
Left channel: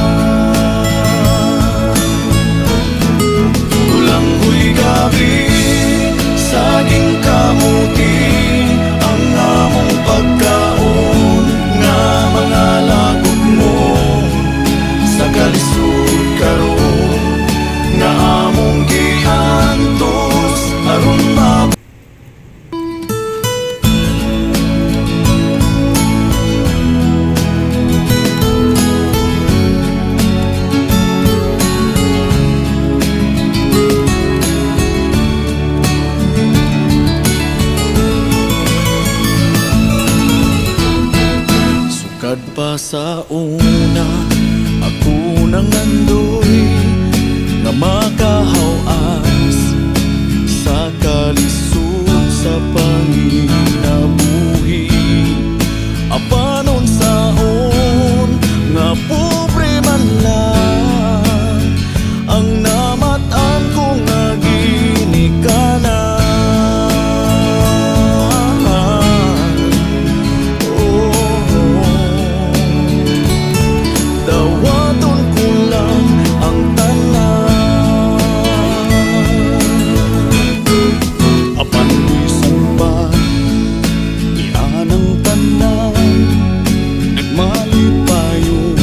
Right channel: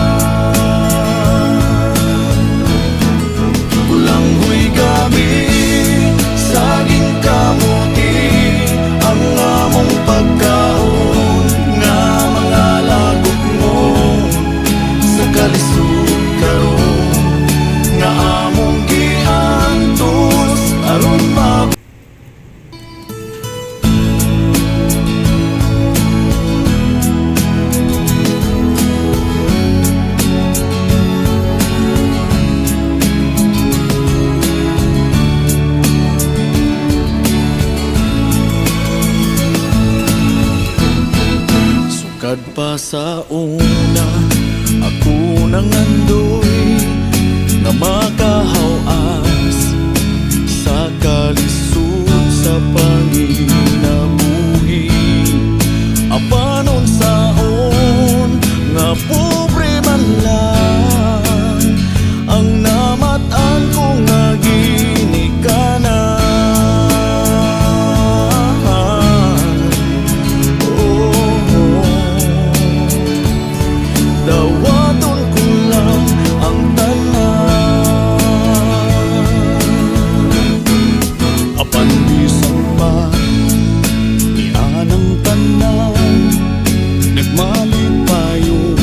Kulanghoy kami, saging kamuti, ang among pagkaon nga mga lagot mo sa kalisod karon nga among giantos aron Sukad pa sa una, ako nang andoy nga makahawas sa kalisod sa panginabuhi. Apanon saon nga pobre man lang ang namatan ko nga ginikanan. Dawaton ko lang ang tanan, apan bisan pa ni anang tanan. Nagmalipayon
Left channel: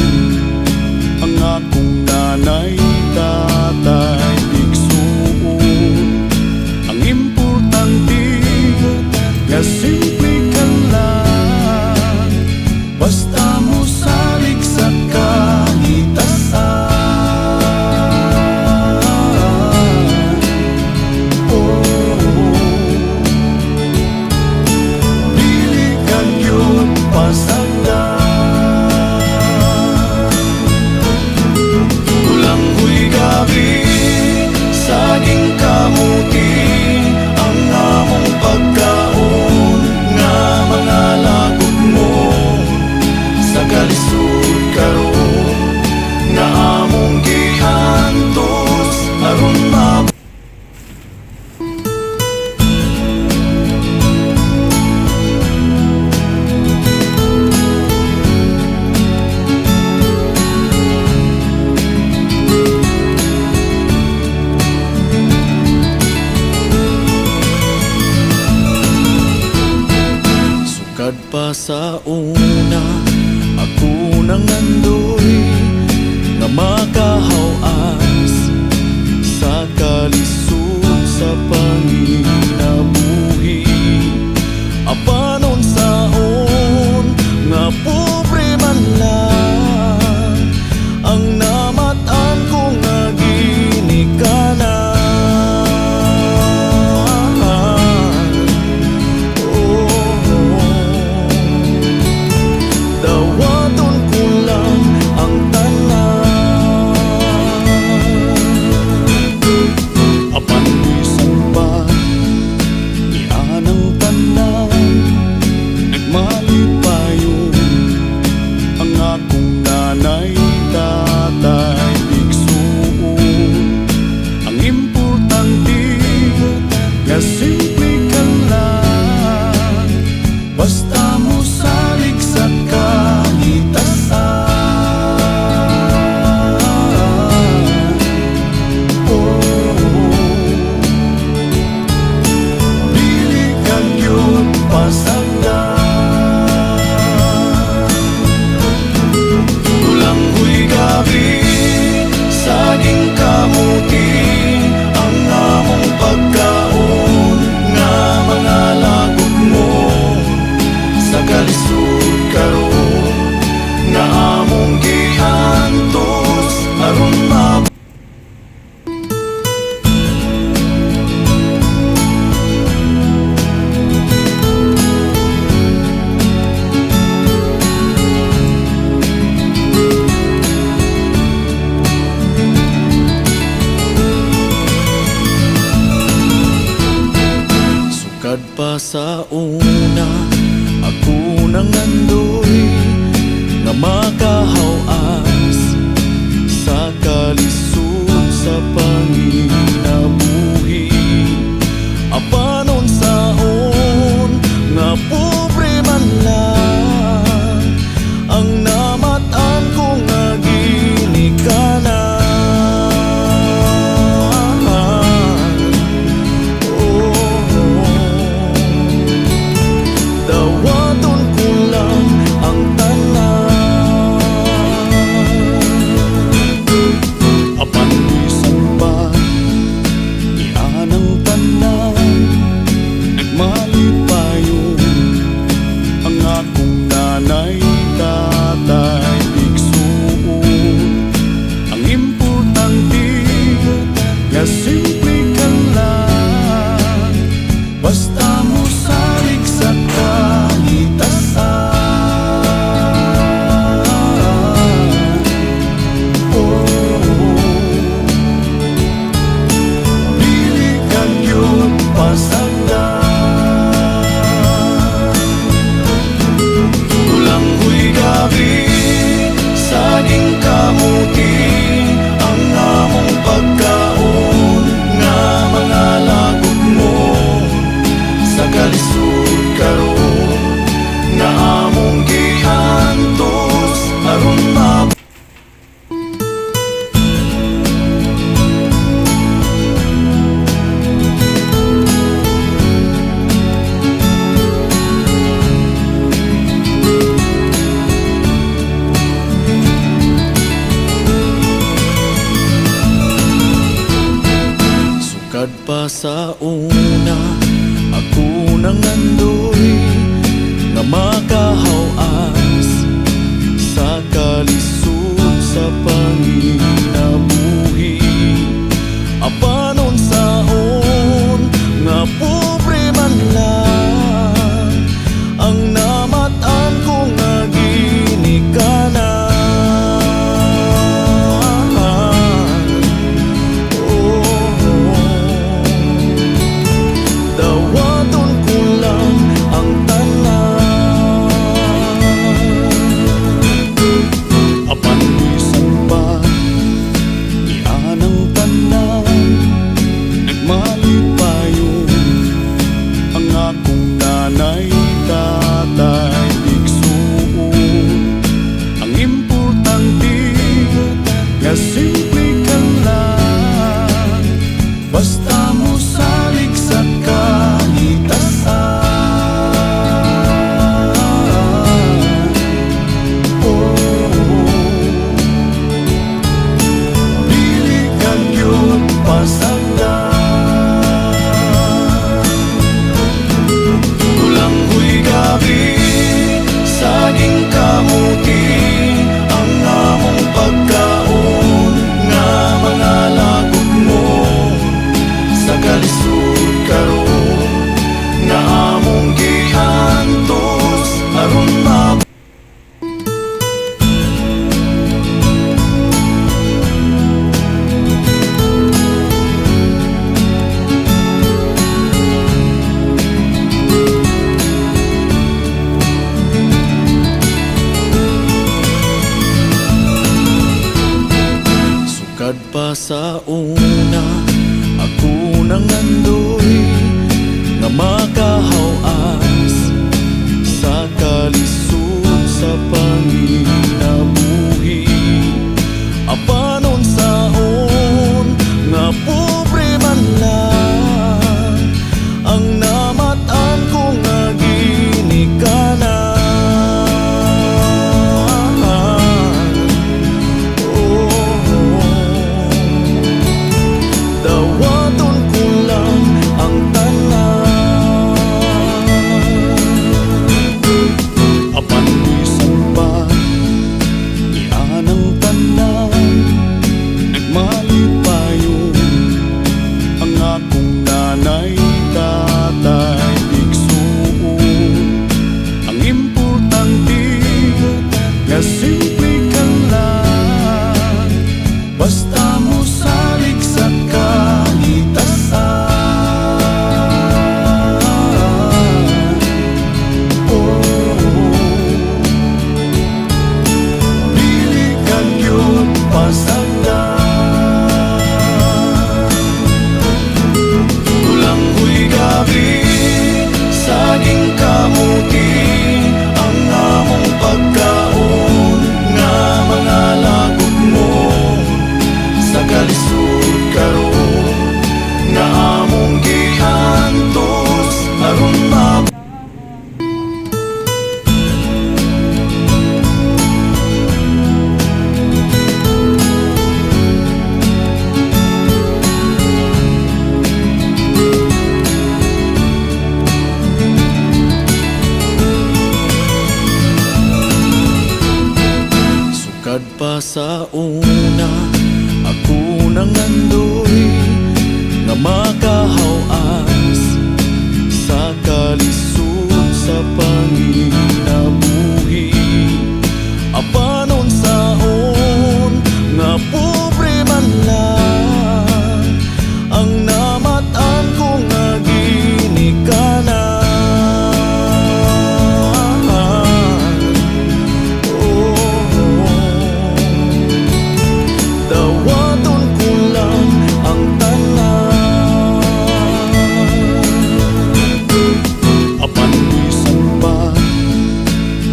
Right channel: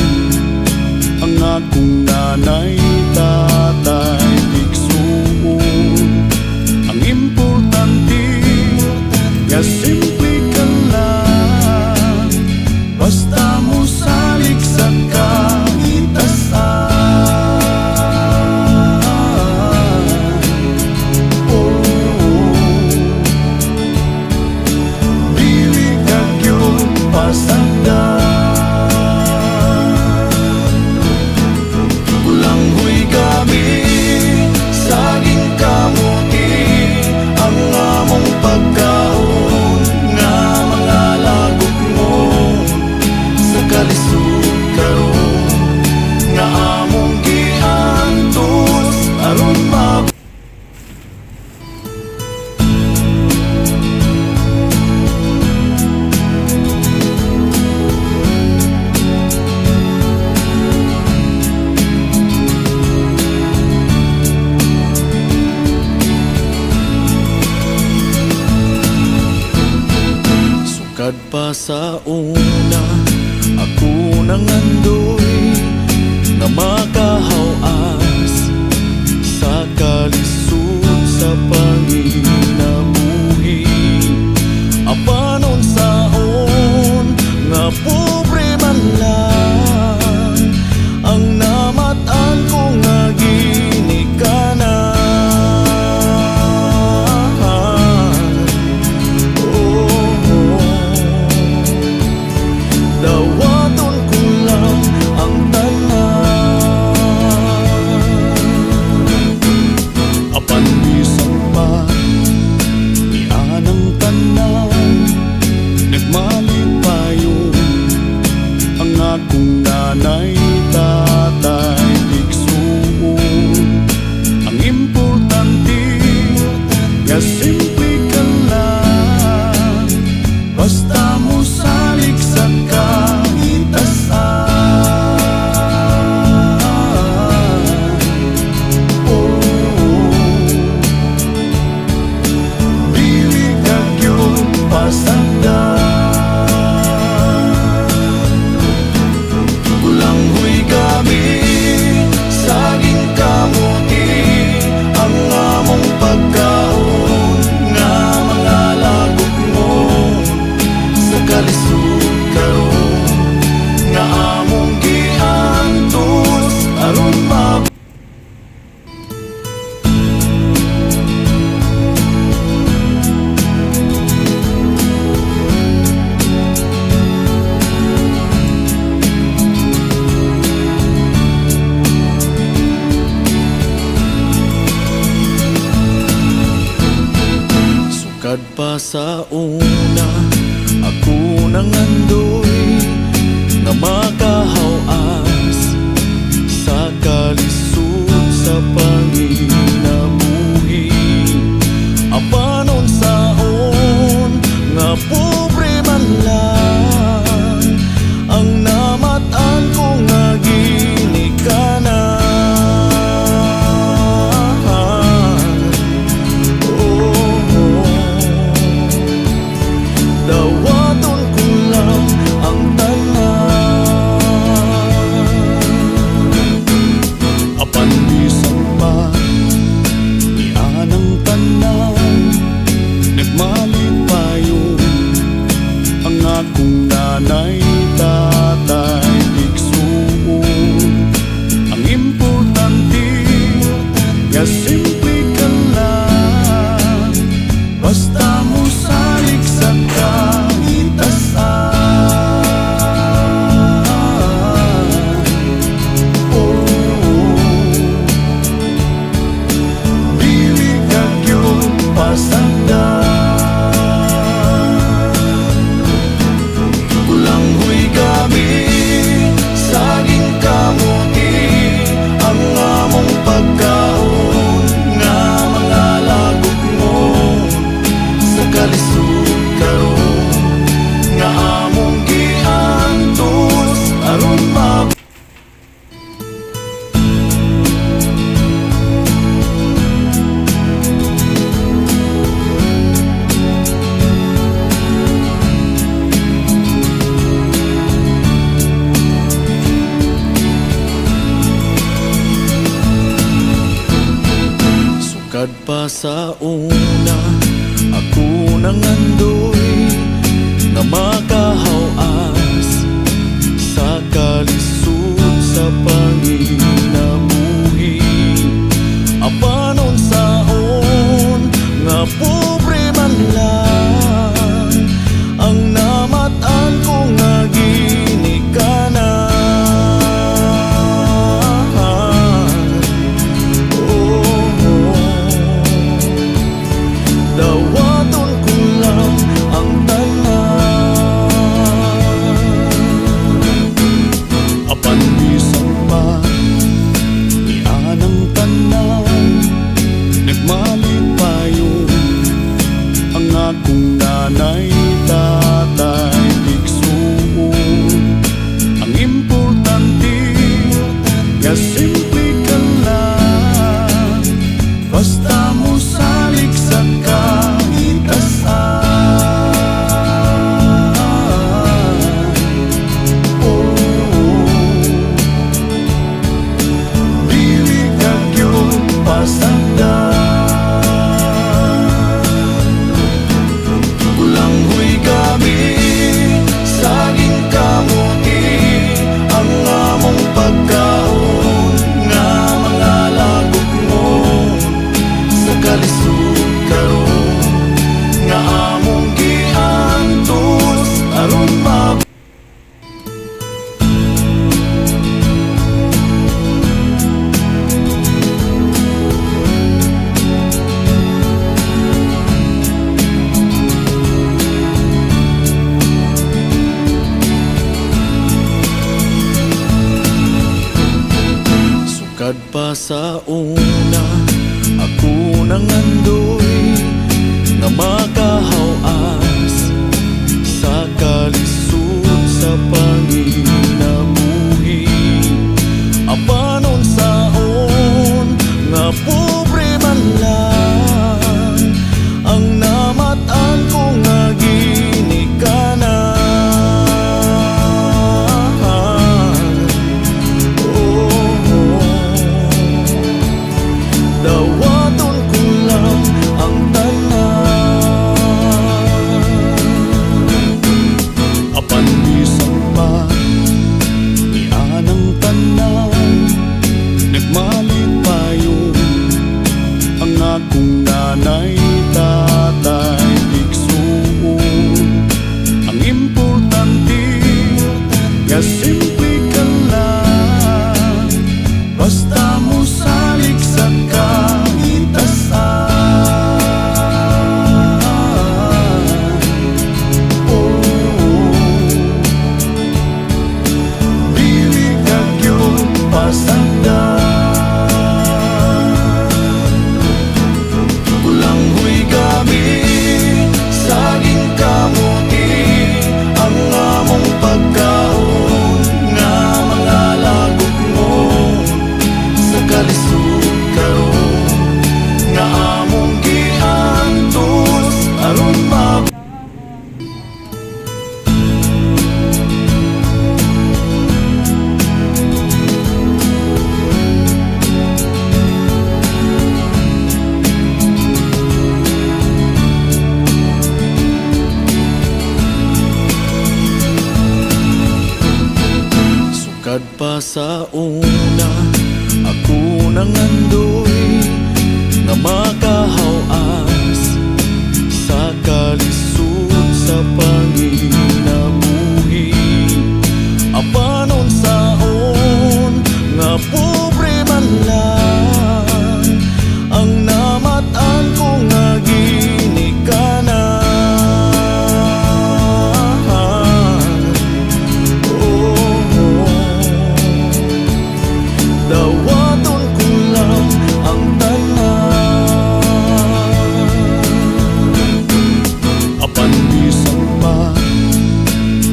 ang akong nanay, tatay, igsuon. Ang importante nga simple ka lang, basta mo salig sa kahitasan. Oh, dili ka gyud pasagdan. Kulanghoy kami, saging kamuti, ang among pagkaon nga mga lagot mo sa kalisod karon nga among giantos aron Sukad pa sa una, ako nangandoy nga makahawas sa kalisod sa panginabuhi. Apanon saon nga pobre man lang ang namatan ko nga ginikanan. Dawaton ko lang ang tanan. Apan bisan pa ni anang tanan, nagmalipayon ang akong nanay, tatay, igsuon. Ang importante nga simple ka lang, basta mo salig sa kahitasan. Oh, dili ka gyud pasagdan. Kulanghoy gabi, saging kamuti, ang among pagkaon nga mga lagot mo sa kalisod karon nga among giantos aron Sukad pa sa una, ako nangandoy nga makahawas sa kalisod sa panginabuhi. Apanon saon nga pobre man lang ang namatan ko nga ginikanan. Dawaton ko lang ang tanan. Apan bisan pa ni anang tanan, nagmalipayon ang akong nanay, tatay, igsuon. Ang importante nga simple ka lang, basta mo salig sa kahitasan. Oh, dili ka gyud pasagdan. Kulanghoy gabi, saging kamuti, ang among pagkaon nga mga lagot mo sa kalisod karon nga among giantos aron Sukad pa sa una, ako nangandoy nga makahawas sa kalisod sa panginabuhi. Apanon saon nga pobre man lang ang namatan ko nga ginikanan. Dawaton ko lang ang tanan. Apan bisan pa ni anang tanan, nagmalipayon ang akong nanay, tatay, igsuon. Ang importante nga simple ka lang, basta mo salig sa kahitasan. pasagdan. Ulanghoy kami, saging kamuti, ang among pagkaon nga mga lagok mo sa kalisod karon nga among giantos aron mab sukad pa sa una ako nangandoy nga makahawas sa kalisod sa panginabuhi. Apanon saon nga pobre man lang ang namatan ko nga ginikanan. Oh, dawaton ko lang ang tanan. Apan bisan pa ni anang tanan, nagmalipayon ang akong nanay, tatay, igsuon. Ang importante nga simple ka lang, basta mo salig sa kahitasan. Oh, dili ka gyud pasagdan. Ulanghoy kami, saging kamuti, ang among pagkaon nga mga lagok mo sa kalisod karon nga among giantos aron mab sukad pa sa una ako nangandoy nga makahawas sa kalisod sa panginabuhi. Apanon saon nga pobre man lang ang namatan ko nga ginikanan. Oh, dawaton ko lang ang tanan. Apan bisan pa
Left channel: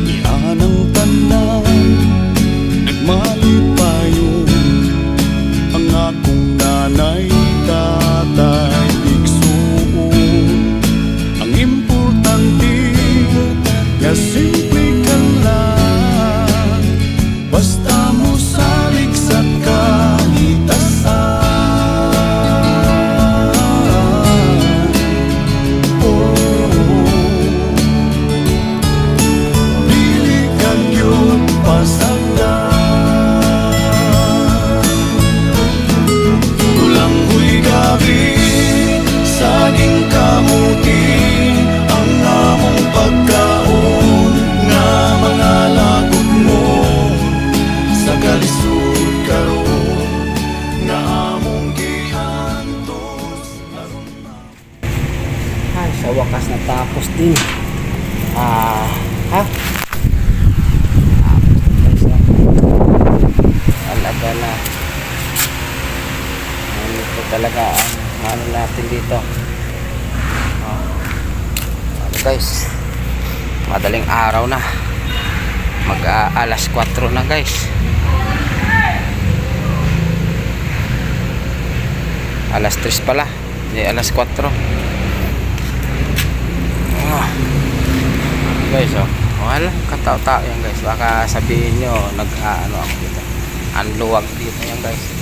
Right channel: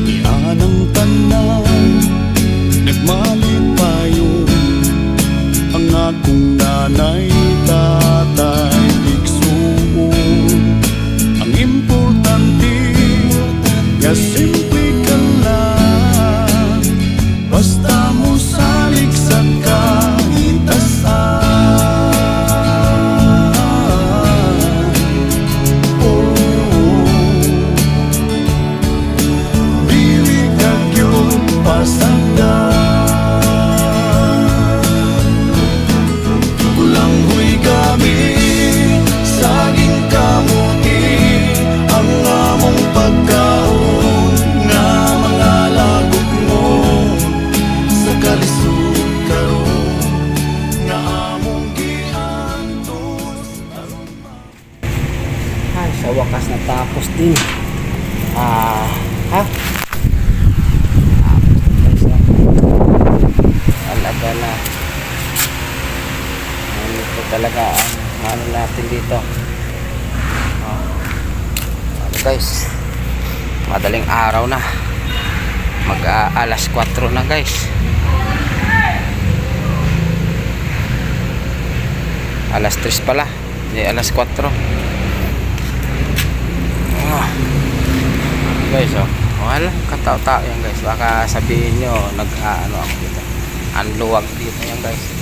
ni anang tanan, nagmalipayon ang akong nanay, tatay, igsuon. Ang importante nga simple ka lang, basta mo salig sa kahitasan. Oh, dili ka gyud pasagdan. Ulanghoy kami, saging kamuti, ang among pagkaon nga mga lagok mo sa kalisod karon nga among giantos aron Ay, sa wakas natapos din. Talaga na. Ito talaga ang ano natin dito. Guys, madaling araw na. Alas 4 na guys. Alas 3 pala. Hindi, alas 4. Guys, wala, katao-tao yan guys. Baka sabihin nyo, ano ako dito. Ang luwag dito yan guys.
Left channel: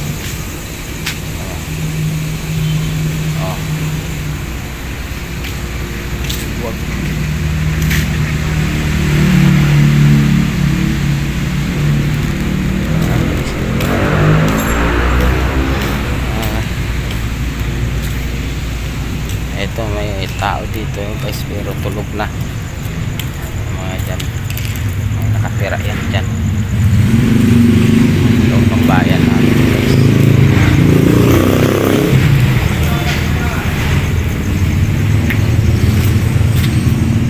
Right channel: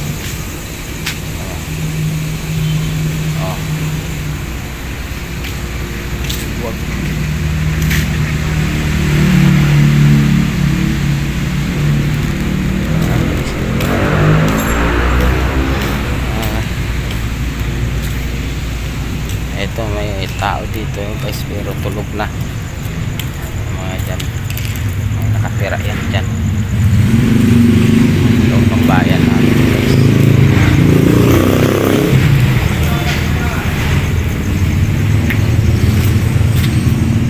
tao dito guys, pero tulog na mga dyan, mga nakatira yan dyan loob ng bayan natin guys.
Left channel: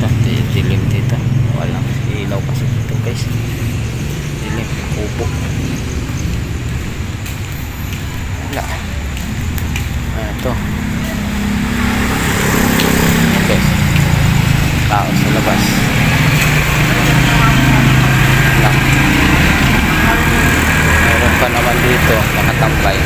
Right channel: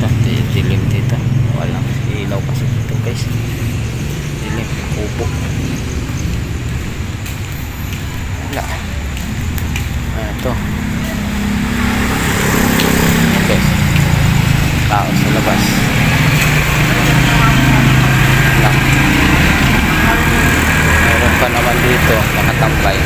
Ito, dilim dito, walang ilaw kasi dito guys, dilim, kubo, wala. Ito guys, tao sa labas lang. Meron pa naman dito nakatambay.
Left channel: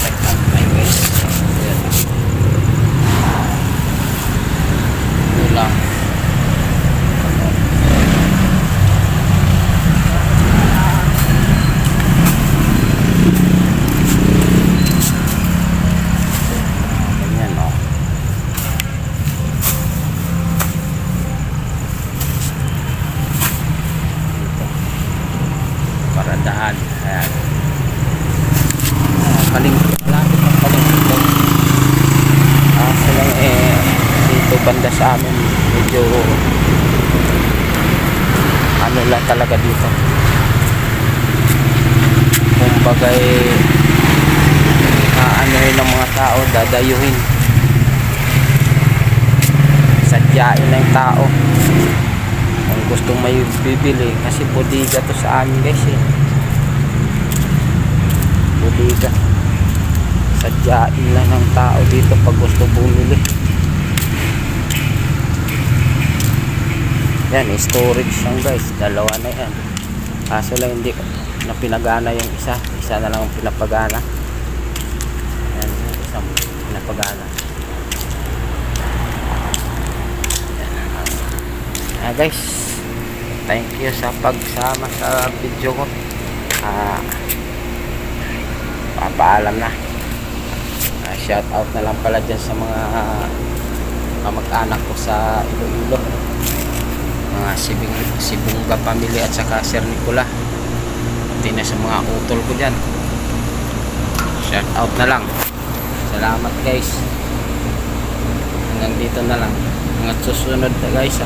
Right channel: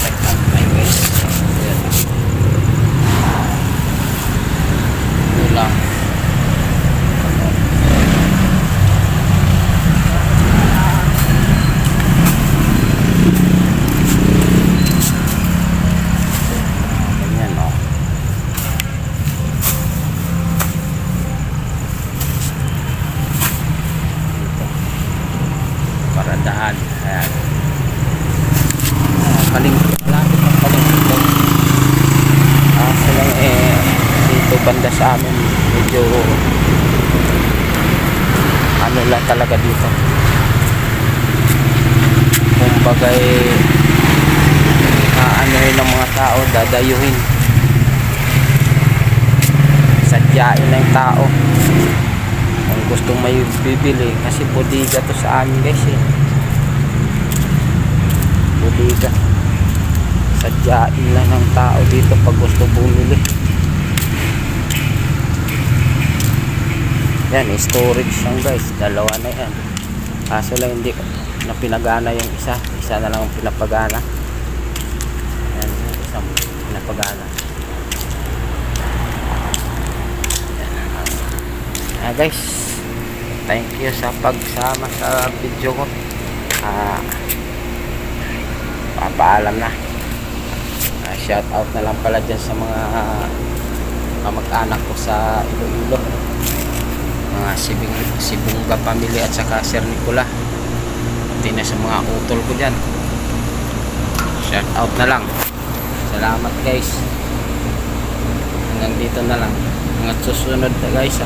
Nagtambay guys. Ito lang. Ganyan, oh. Dito. Paradaan. Ayan. Palengke. Malapit ang palengke. Lang dito banda sa amin medyo ano lang talaga dito. Kumbaga aanuhin ng mga tao, dadayuhin, sadyain ng tao kung gustong may bibili, kasi bodega to sa amin guys bodega, sadyain lang ng tao dito pag gusto bumili. Yan, storage lang guys, dalawa na yan, kaso lang hindi na pinagana yung isa na lang ang pinapagana. Yan, yung isang pinapagana. Yan, guys, thank you sa pagsama sa video ko. Papaalam na. Shout out na lang pala dyan sa mga kamag-anak ko sa Iloilo, mga Sibunga family at saka Sir Nicola, pati na sa mga utol ko dyan. Shout out na lang. Salamat guys, hanggang dito na lang, hanggang susunod na guys